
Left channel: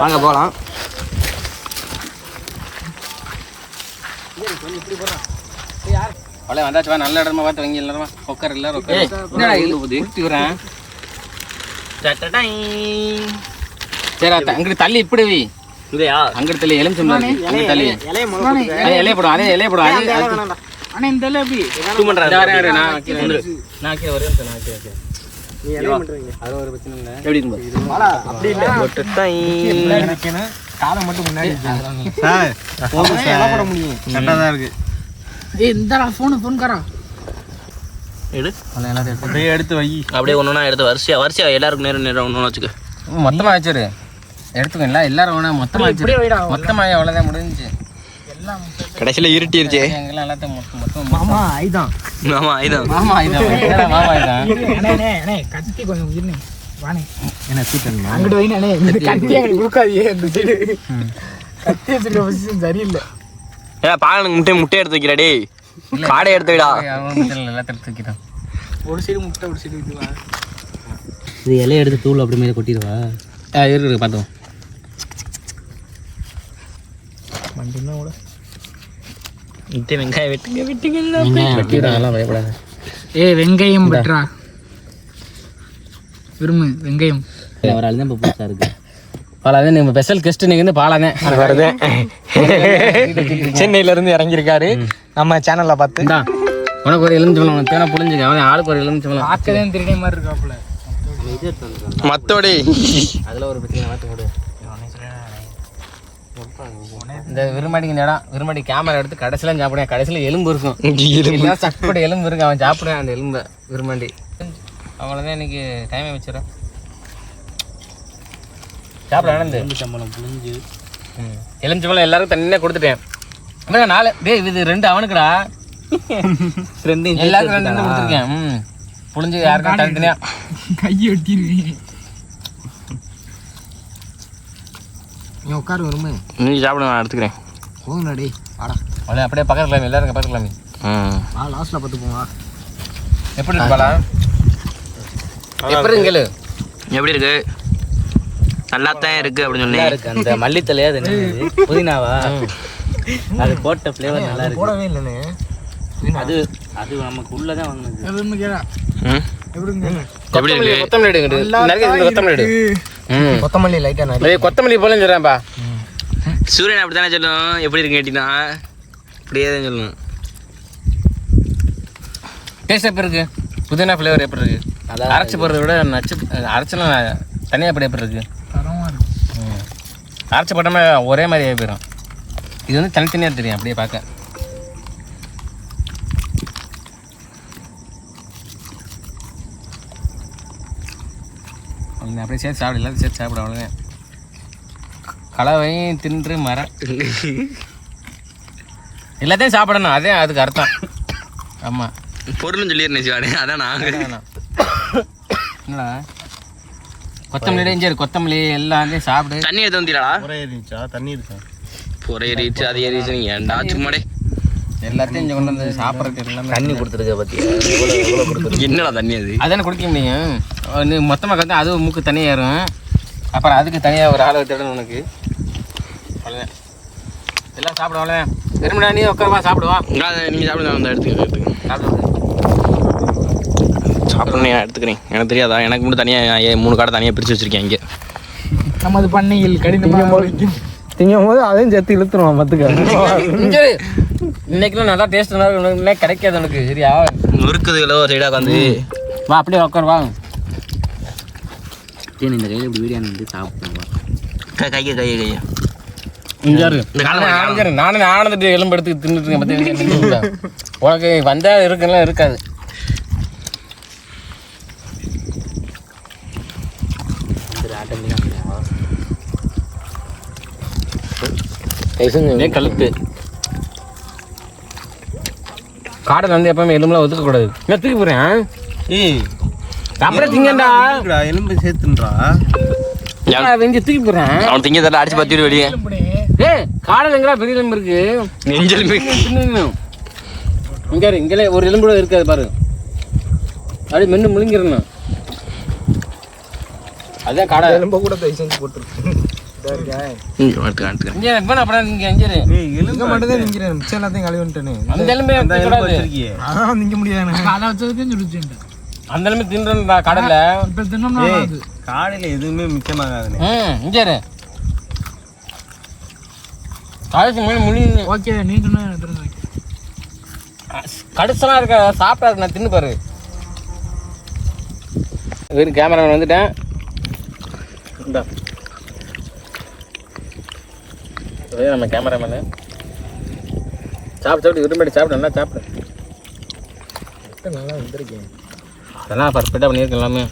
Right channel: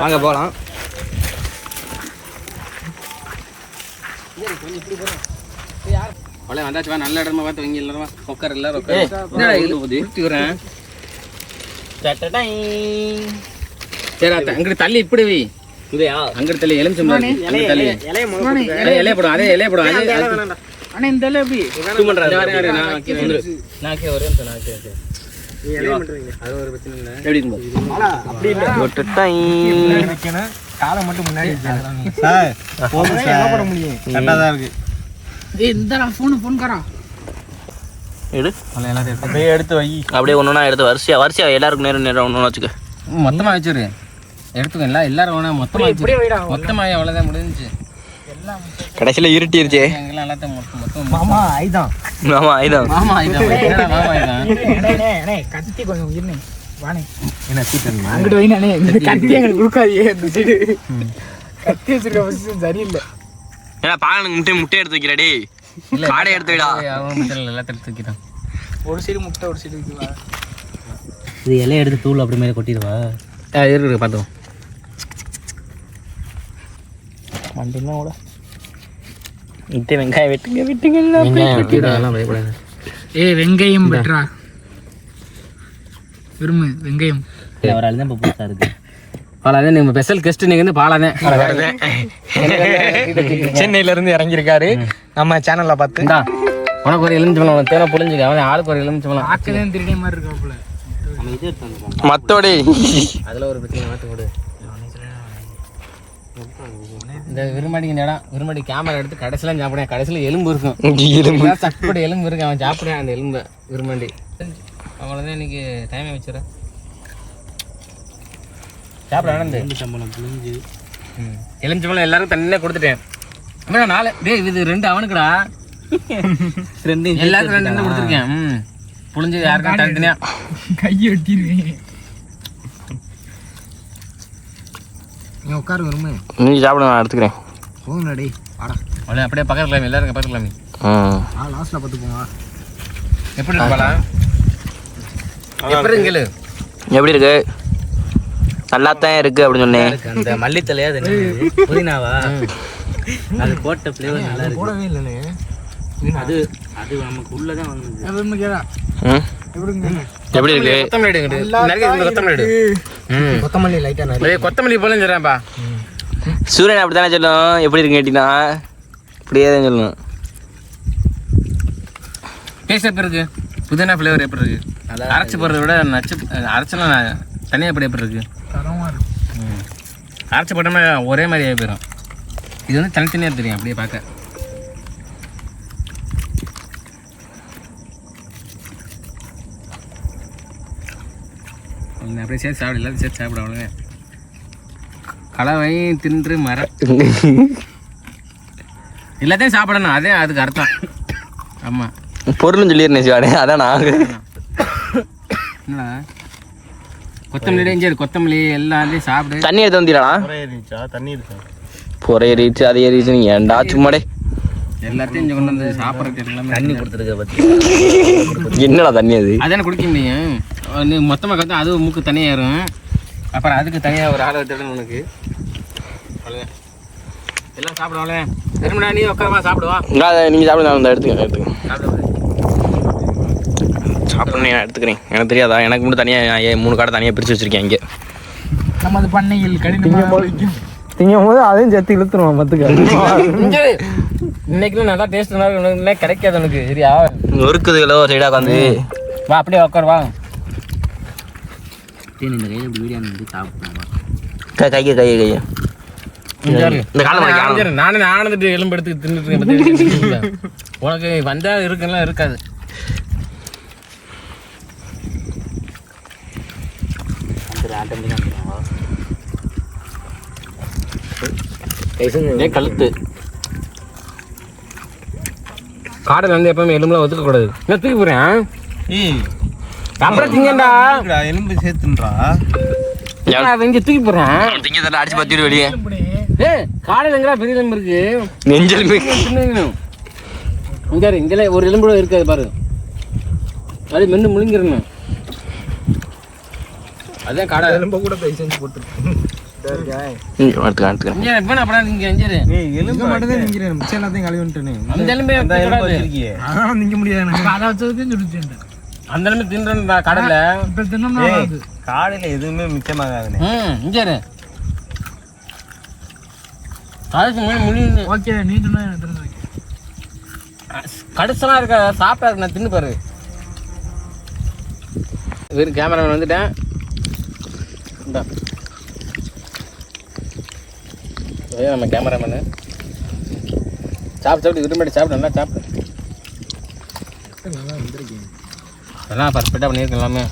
வாங்க போகலாம். இப்படி போகிறோம் யார் பழைய வந்தாச்சு. வா நல்ல இடமா பார்த்து வாங்கி எல்லாருமா உட்கார் எல்லாரும் ஊற்றி விடுறேன். சரி அங்கிட்டு தள்ளி இப்படி வை. இதையா அங்கிட்டு தள்ளி எலுமிச்சம் தள்ளி இலைய போடும். அதே இலைய போடும். ஆனால் இந்த இலை எப்படி அது ஒரு பிரச்சனை இல்லை. எப்படி இருக்கும் அப்படி இல்லை. காலை மட்டும் முன்னாடி போட முடியும். கரெக்டாக தான் இருக்கு. இந்த ஃபோனுக்காரா எடு அப்படியே எடுத்து வை. அப்படியே ஒன்று எடுத்து வரிசையா எல்லாருக்கும் நேரம் ஒன்று வச்சுக்க. மொத்தமாக வச்சுரு எடுத்துக்கல. எல்லாரும் வேணா மொத்தமாக வச்சு மொத்தமாக அவ்வளோதான் முடிஞ்சு. கடைசியில் இருட்டிருச்சே. எங்கெல்லாம் எல்லாத்தையும் மொத்தம் மாமா ஆயிதான். கத்தி கொஞ்சம் இருந்தேன். வானே என்ன சீக்கிரம் அங்கிட்டு வைனானே. இந்த கத்தி எங்களுக்கு தூக்காதே. இந்த சைடு கத்தி வச்சிருக்க பொசிஷன் சரியில்லை. ஏன்னா பாலனுக்கு முட்டை எடுத்து வைக்கிறா. டேய் காடை எடுத்து வைடா. எல்லாத்தையும் எடுத்து வைக்கிறான். ஒரு சைடு முட்டை ஒரு சைடு இதுவா. இது இலையை எடுத்து தூள் அப்படி மேலே கொட்டிடுவா. இருக்கு பார்த்தோம். மட்டும்தான் கூட இத்தே வெங்காயம் வெட்டுங்க. வெங்காயம் பயப்படாது. வெங்காயம் வெட்டுறா விரும்பு. வெங்காயம் ஒரு ஆள் தான் இப்போ புதுசாக இருக்குது. பாலாதான் நீங்கள் ஸ்பெஷல் கெஸ்ட். நீங்கள் வந்து பாலாதான் வரதே சென்னையிலேருந்து இறங்கியிருக்காரு நம்ம சேனலில் பார்த்து. உனக்கு ஒரு எலுமிச்சம்பழம். உனக்கு தேவை புரிஞ்சுக்க. அவன் ஆளுக்கு ஒரு எலுமிச்சம்பழம். ஆக்கதான் திருடே மாதிரி இருக்காப்புல. மத்தோடி அதில் ஒரு பிரச்சனை மாற்ற கொடு. இந்த விரும்பாடிக்கு இந்த இடம் விரும்பாடி கேமரா எடுத்து கடைசியில் சாப்பிடுவேன். கடைசியில் எலும்பு இருக்கும். சப்படி எலும்பு இருக்கு. அவன் சாப்பிடுவேன் அந்த எலும்பை விரும்பாண்டி. அவ்வளோதான் இன்னைக்கு டைமே வச்சுறேன். சாப்பிட நடந்து எலுமிச்சம்பழம் புளிஞ்சு எலுமிச்சம்பழம் எல்லாருக்கும் தண்ணியே கொடுத்துட்டேன். ஆனால் 4 டே இது 2 அவனுக்குடா. 2 எல்லாருக்கும் 2 கொடுத்துருக்கேன். புளிஞ்சு யாருக்கும் தனித்தனியா கையை வெட்டிடுவேன். நீ உட்காரு வருமே. நீ சாப்பிட நான் எடுத்துக்கிறேன். போங்கண்ணா டே வாடா. அவ்வளோ அப்படியே பக்கத்துலாமே. எல்லாருக்கும் பக்கத்துலாமே. லாஸ்ட்டில் பார்த்து போங்க. எப்படி இருக்கு பாலா? எப்படி கேளு. எப்படி இருக்கு? நல்லாத்தான் இருக்கு அப்படின்னு சொன்னேன். அந்த மல்லித்தலையா அது புதினாவா? அது போட்ட ஃப்ளேவர் நல்லா இருக்கு. போடவே இல்லைண்ணே. அது அது நமக்கு உள்ளதான் வாங்குது. எப்படி இருக்கு? கொத்தமல்லி லைட்டா கொத்தமல்லி போல சொல்றேன்ப்பா. சூரியன் அப்படித்தானே சொல்லும். எப்படி இருக்கு கேட்டீங்கன்னா அப்படியே தான் சொல்லணும். டேஸ்ட் எப்படி இருக்கு? புதினா ஃப்ளேவர் எப்படி இருக்கு? அரைச்சி போடுறத விட நச்சு அரைச்சலாம் தனியாக எப்படி இருக்கு? அரைச்சி போட்டோம்னா ஒரே மாதிரி போயிடும். இது வந்து தனித்தனியாக தெரியும் அப்படியே பார்க்க. அப்படியே சேர்த்து சாப்பிட எல்லாத்தையும் சேர்த்து சாப்பிட. அவ்வளோதான். கலவையும் தின்று எல்லாத்தையும் சாப்பிடணும். அதே அதுக்கு அர்த்தம். ஆமாம் பொருள்னு சொல்லிடுறேன் சிவாடே. அதான் நாங்கள் என்னடா கொத்தமல்லி இஞ்சி கொத்தமல்லி எல்லாத்தையும் சாப்பிடு. தண்ணி எடுத்து வந்தீங்களா? தண்ணி இருக்கா? பொறை ஏறிச்சு அது ஏறிச்சு. நீ ஏன்டா சும்மாடே எல்லாத்தையும் இங்கே கொண்டு வந்து சாப்பிட்றதுக்கு எல்லாமே தண்ணி கொடுத்துருக்க பற்றி. என்னடா தண்ணி அது? அதானே குடிக்க முடியும். மொத்தமாக கற்று அது மூக்கு தனியாக ஏறும். அப்புறம் அதுக்கு தனியாக ஒரு ஆளை தேடணும் உனக்கு. அவ்வளோதான். எல்லாம் சாப்பிடுவாங்களே. எருமடா நீ உட்காரமா சாப்பிடுவோம். நீங்கள் சாப்பிடுங்க. நான் எடுத்துக்கிறேன். சாப்பிட்ணும் நான் எடுத்துக்கிறேன். எனக்கு தெரியாதா? எனக்கு மட்டும் தனியாக 3 காடை தனியாக பிரித்து வச்சுருக்கேன் இங்கே. நமது பண்ணையில் கடினம் திங்கும் போது அதையும் சேர்த்து இழுத்துருவான். பார்த்துக்க இன்னைக்குலாம் நல்லா டேஸ்ட் நல்லா கிடைக்காது உனக்கு. சரியா நொறுக்குதுகளோ சைடாக உட்காந்து வா அப்படியே உட்கார் வா. இந்த கையில் இப்படி வீடியோ வந்து சாப்பிடுவோம். கையை இந்த காலம் நானே ஆனந்துட்டு எலும்பு எடுத்து தின்னுட்டு இருக்கேன். உனக்கு வந்தால் இருக்குன்னா இருக்காது. இதே கழுத்து. காடையில் வந்து எப்பவுமே எலும்புலாம் ஒதுக்கக்கூடாது. நான் தூக்கி போகிறேன். அப்புறம் திங்கண்டா எலும்பு சேர்த்துன்றா வெஞ்சு தூக்கி போகிறேன். அவன் திங்க தட்டை அடிச்சு பத்திட்டு வெளியே. காடையில் எங்கடா பெரிய எலும்பு இருக்கு? நெஞ்செலும்பு இங்கே இங்கே ஒரு எலும்பு கூட இருக்காது பாரு. அப்படியே மென்று முழுங்கிடணும். அதான் காடை எலும்பை கூட போய் செஞ்சு போட்டுருக்கு. இங்கே அப்புறம் இங்கே எஞ்சிரு. எலும்பு மட்டும் தான் நிற்கிறேன், மிச்சம் எல்லாத்தையும் கழுவிட்டேனே. அந்த எலும்பே அதான் நிற்க முடியாது. அந்த எலும்பு தின்றா காடையில். காலையில் எதுவுமே மிச்சமாகாதுண்ணே. இங்கே காய்ச்சி முழு ஓகே, நீ சொன்னா கடுசெல்லாம் இருக்க சாப்பிட்டா நான் தின்னு பாரு. வெறும் கேமராமேன் வந்துட்டேன். நம்ம கேமராமேனு சாப்பிட்டு விரும்பி சாப்பிட்டு நல்லா சாப்பிட்டு நல்லா வந்துருக்கேன். அதெல்லாம் பர்ஃபெக்டாக பண்ணியிருக்கேன் எல்லாமே.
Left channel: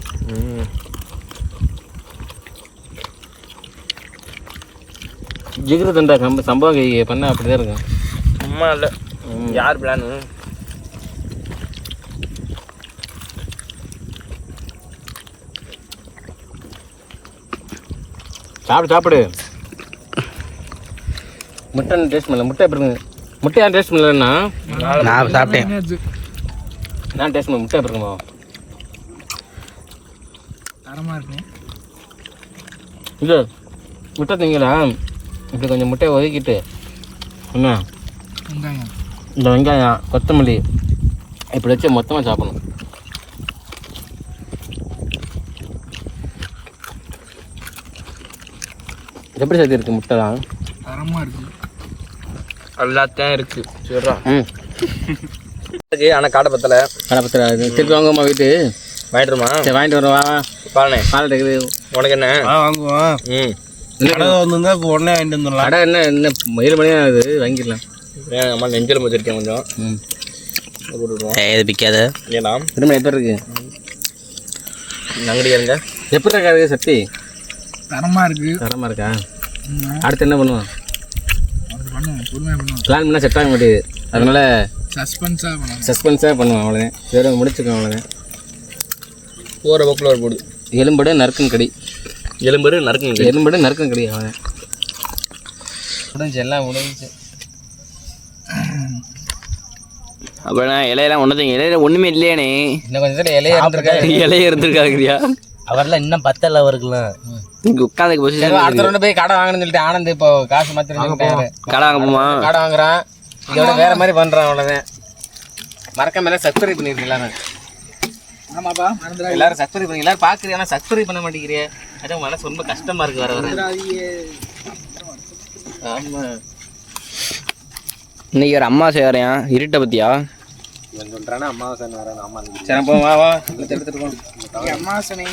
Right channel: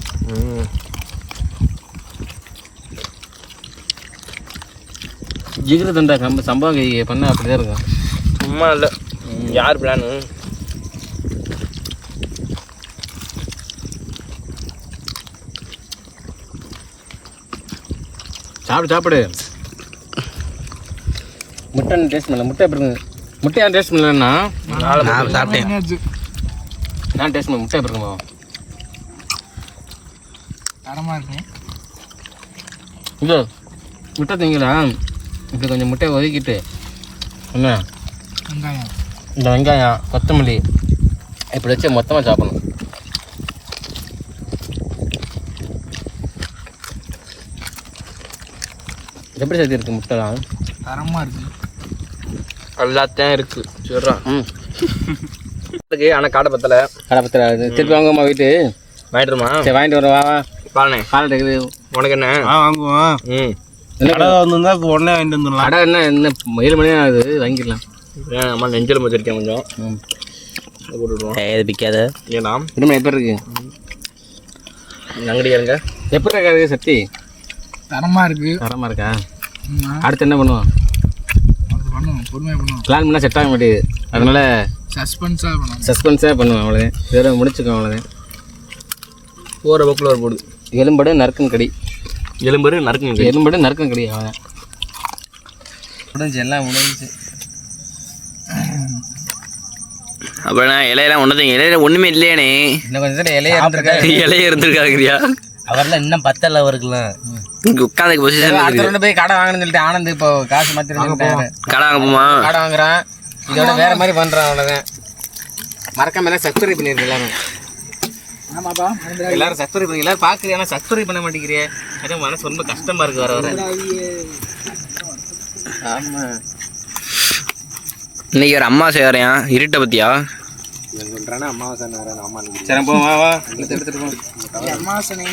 ஜிகிரு தண்டா சம்பவம் பண்ண அப்படிதான் இருக்கும். சும்மா இல்லை, யார் பிளானு? சாப்பிடு. முட்டை டேஸ்ட் பண்ணல. முட்டை எப்படி இருக்கு? முட்டை ஏன் டேஸ்ட் பண்ணலன்னா நான் சாப்பிட்டேன். நான் டேஸ்ட் பண்ண முட்டை எப்படி இருக்குமா? தரமாக இருக்கும். இது முட்டை திங்களா? இப்படி கொஞ்சம் முட்டையை ஒதுக்கிட்டு என்ன வெங்காயம், இந்த வெங்காயம், கொத்தமல்லி இப்படி வச்சு மொத்தமாக சாப்பிடணும். எப்படி சேர்த்து இருக்கு முட்டை தான்? தரமாக இருக்குது. எல்லாத்தையும் இருக்கு. சரிடா. ஆனால் காடை பத்தலை. திருப்பி வாங்குவோமா? வீட்டு வாங்கிட்டுருமா? சரி வாங்கிட்டு வரவா? பாலனே பால் இருக்குது உனக்கு என்ன? வாங்குவோம். கடை வந்திருந்தா இப்போ உடனே வாங்கிட்டு வந்துடலாம். கடை என்ன 7 மணி ஆகுது, வாங்கிடலாம். அம்மா நெஞ்செலும்பு வச்சிருக்கேன் கொஞ்சம். போட்டுவிடுவோம். இது பிக்காத. ஏலாம் திரும்ப எப்படி இருக்கு? அங்கடி இருங்க. எப்படி இருக்காது சக்தி? தரமாக இருக்குது. தரமாக இருக்கா? அடுத்து என்ன பண்ணுவோம்? அது பண்ணுவோம், பொறுமையாக பண்ணுவோம். பிளான் பண்ணால் செட் ஆக மாட்டேங்குது. அதனால சஸ்பென்ஸாக பண்ணுவோம். அவ்வளோதான். வேற முடிச்சுக்கோம் அவ்வளோதான். போகிற பக்கில் ஒரு போடுது. எலும்படு நறுக்கும் கடி. எலும்பு நறுக்குங்க. எலும்படு நறுக்கும் கடி. அவ்வளோதான். முடிஞ்சு எல்லாம் முடிஞ்சு. அப்புறம் இலையெல்லாம் இலையில ஒன்றுமே இல்லையானே. இன்னும் கொஞ்சம் இலைய இருந்திருக்காரு. இலையே இருந்திருக்காருக்கிறியா? அவர்லாம் இன்னும் பத்தல அவருக்குல. இங்கே உட்காந்து பொசிஷன் அடுத்த போய் கடை வாங்கணும்னு சொல்லிட்டு ஆனந்த் இப்போ காசு மாத்திரம் கடை வாங்க போமா? கடை வாங்குறான். இதோட வேற மாதிரி பண்றான். அவ்வளோதான். மறக்காம எல்லாம் சப்ஸ்கிரைப் பண்ணிருக்கு எல்லாரும். ஆமாப்பா, எல்லாரும் சப்ஸ்கிரைப் பண்ணி எல்லாரும் பார்க்குறீங்க. ஆனால் சப்ஸ்கிரைப் பண்ண மாட்டேங்கிறீ. அதான் மனசு ரொம்ப கஷ்டமா இருக்கு வர வர. ஆமாம், இன்னைக்கு ஒரு அம்மா செய்யறியா? இருட்டை பத்தியா சொல்றானா? அம்மாவாசை வர அம்மா. சரி போ, வா எடுத்துட்டு போ. அம்மாசனை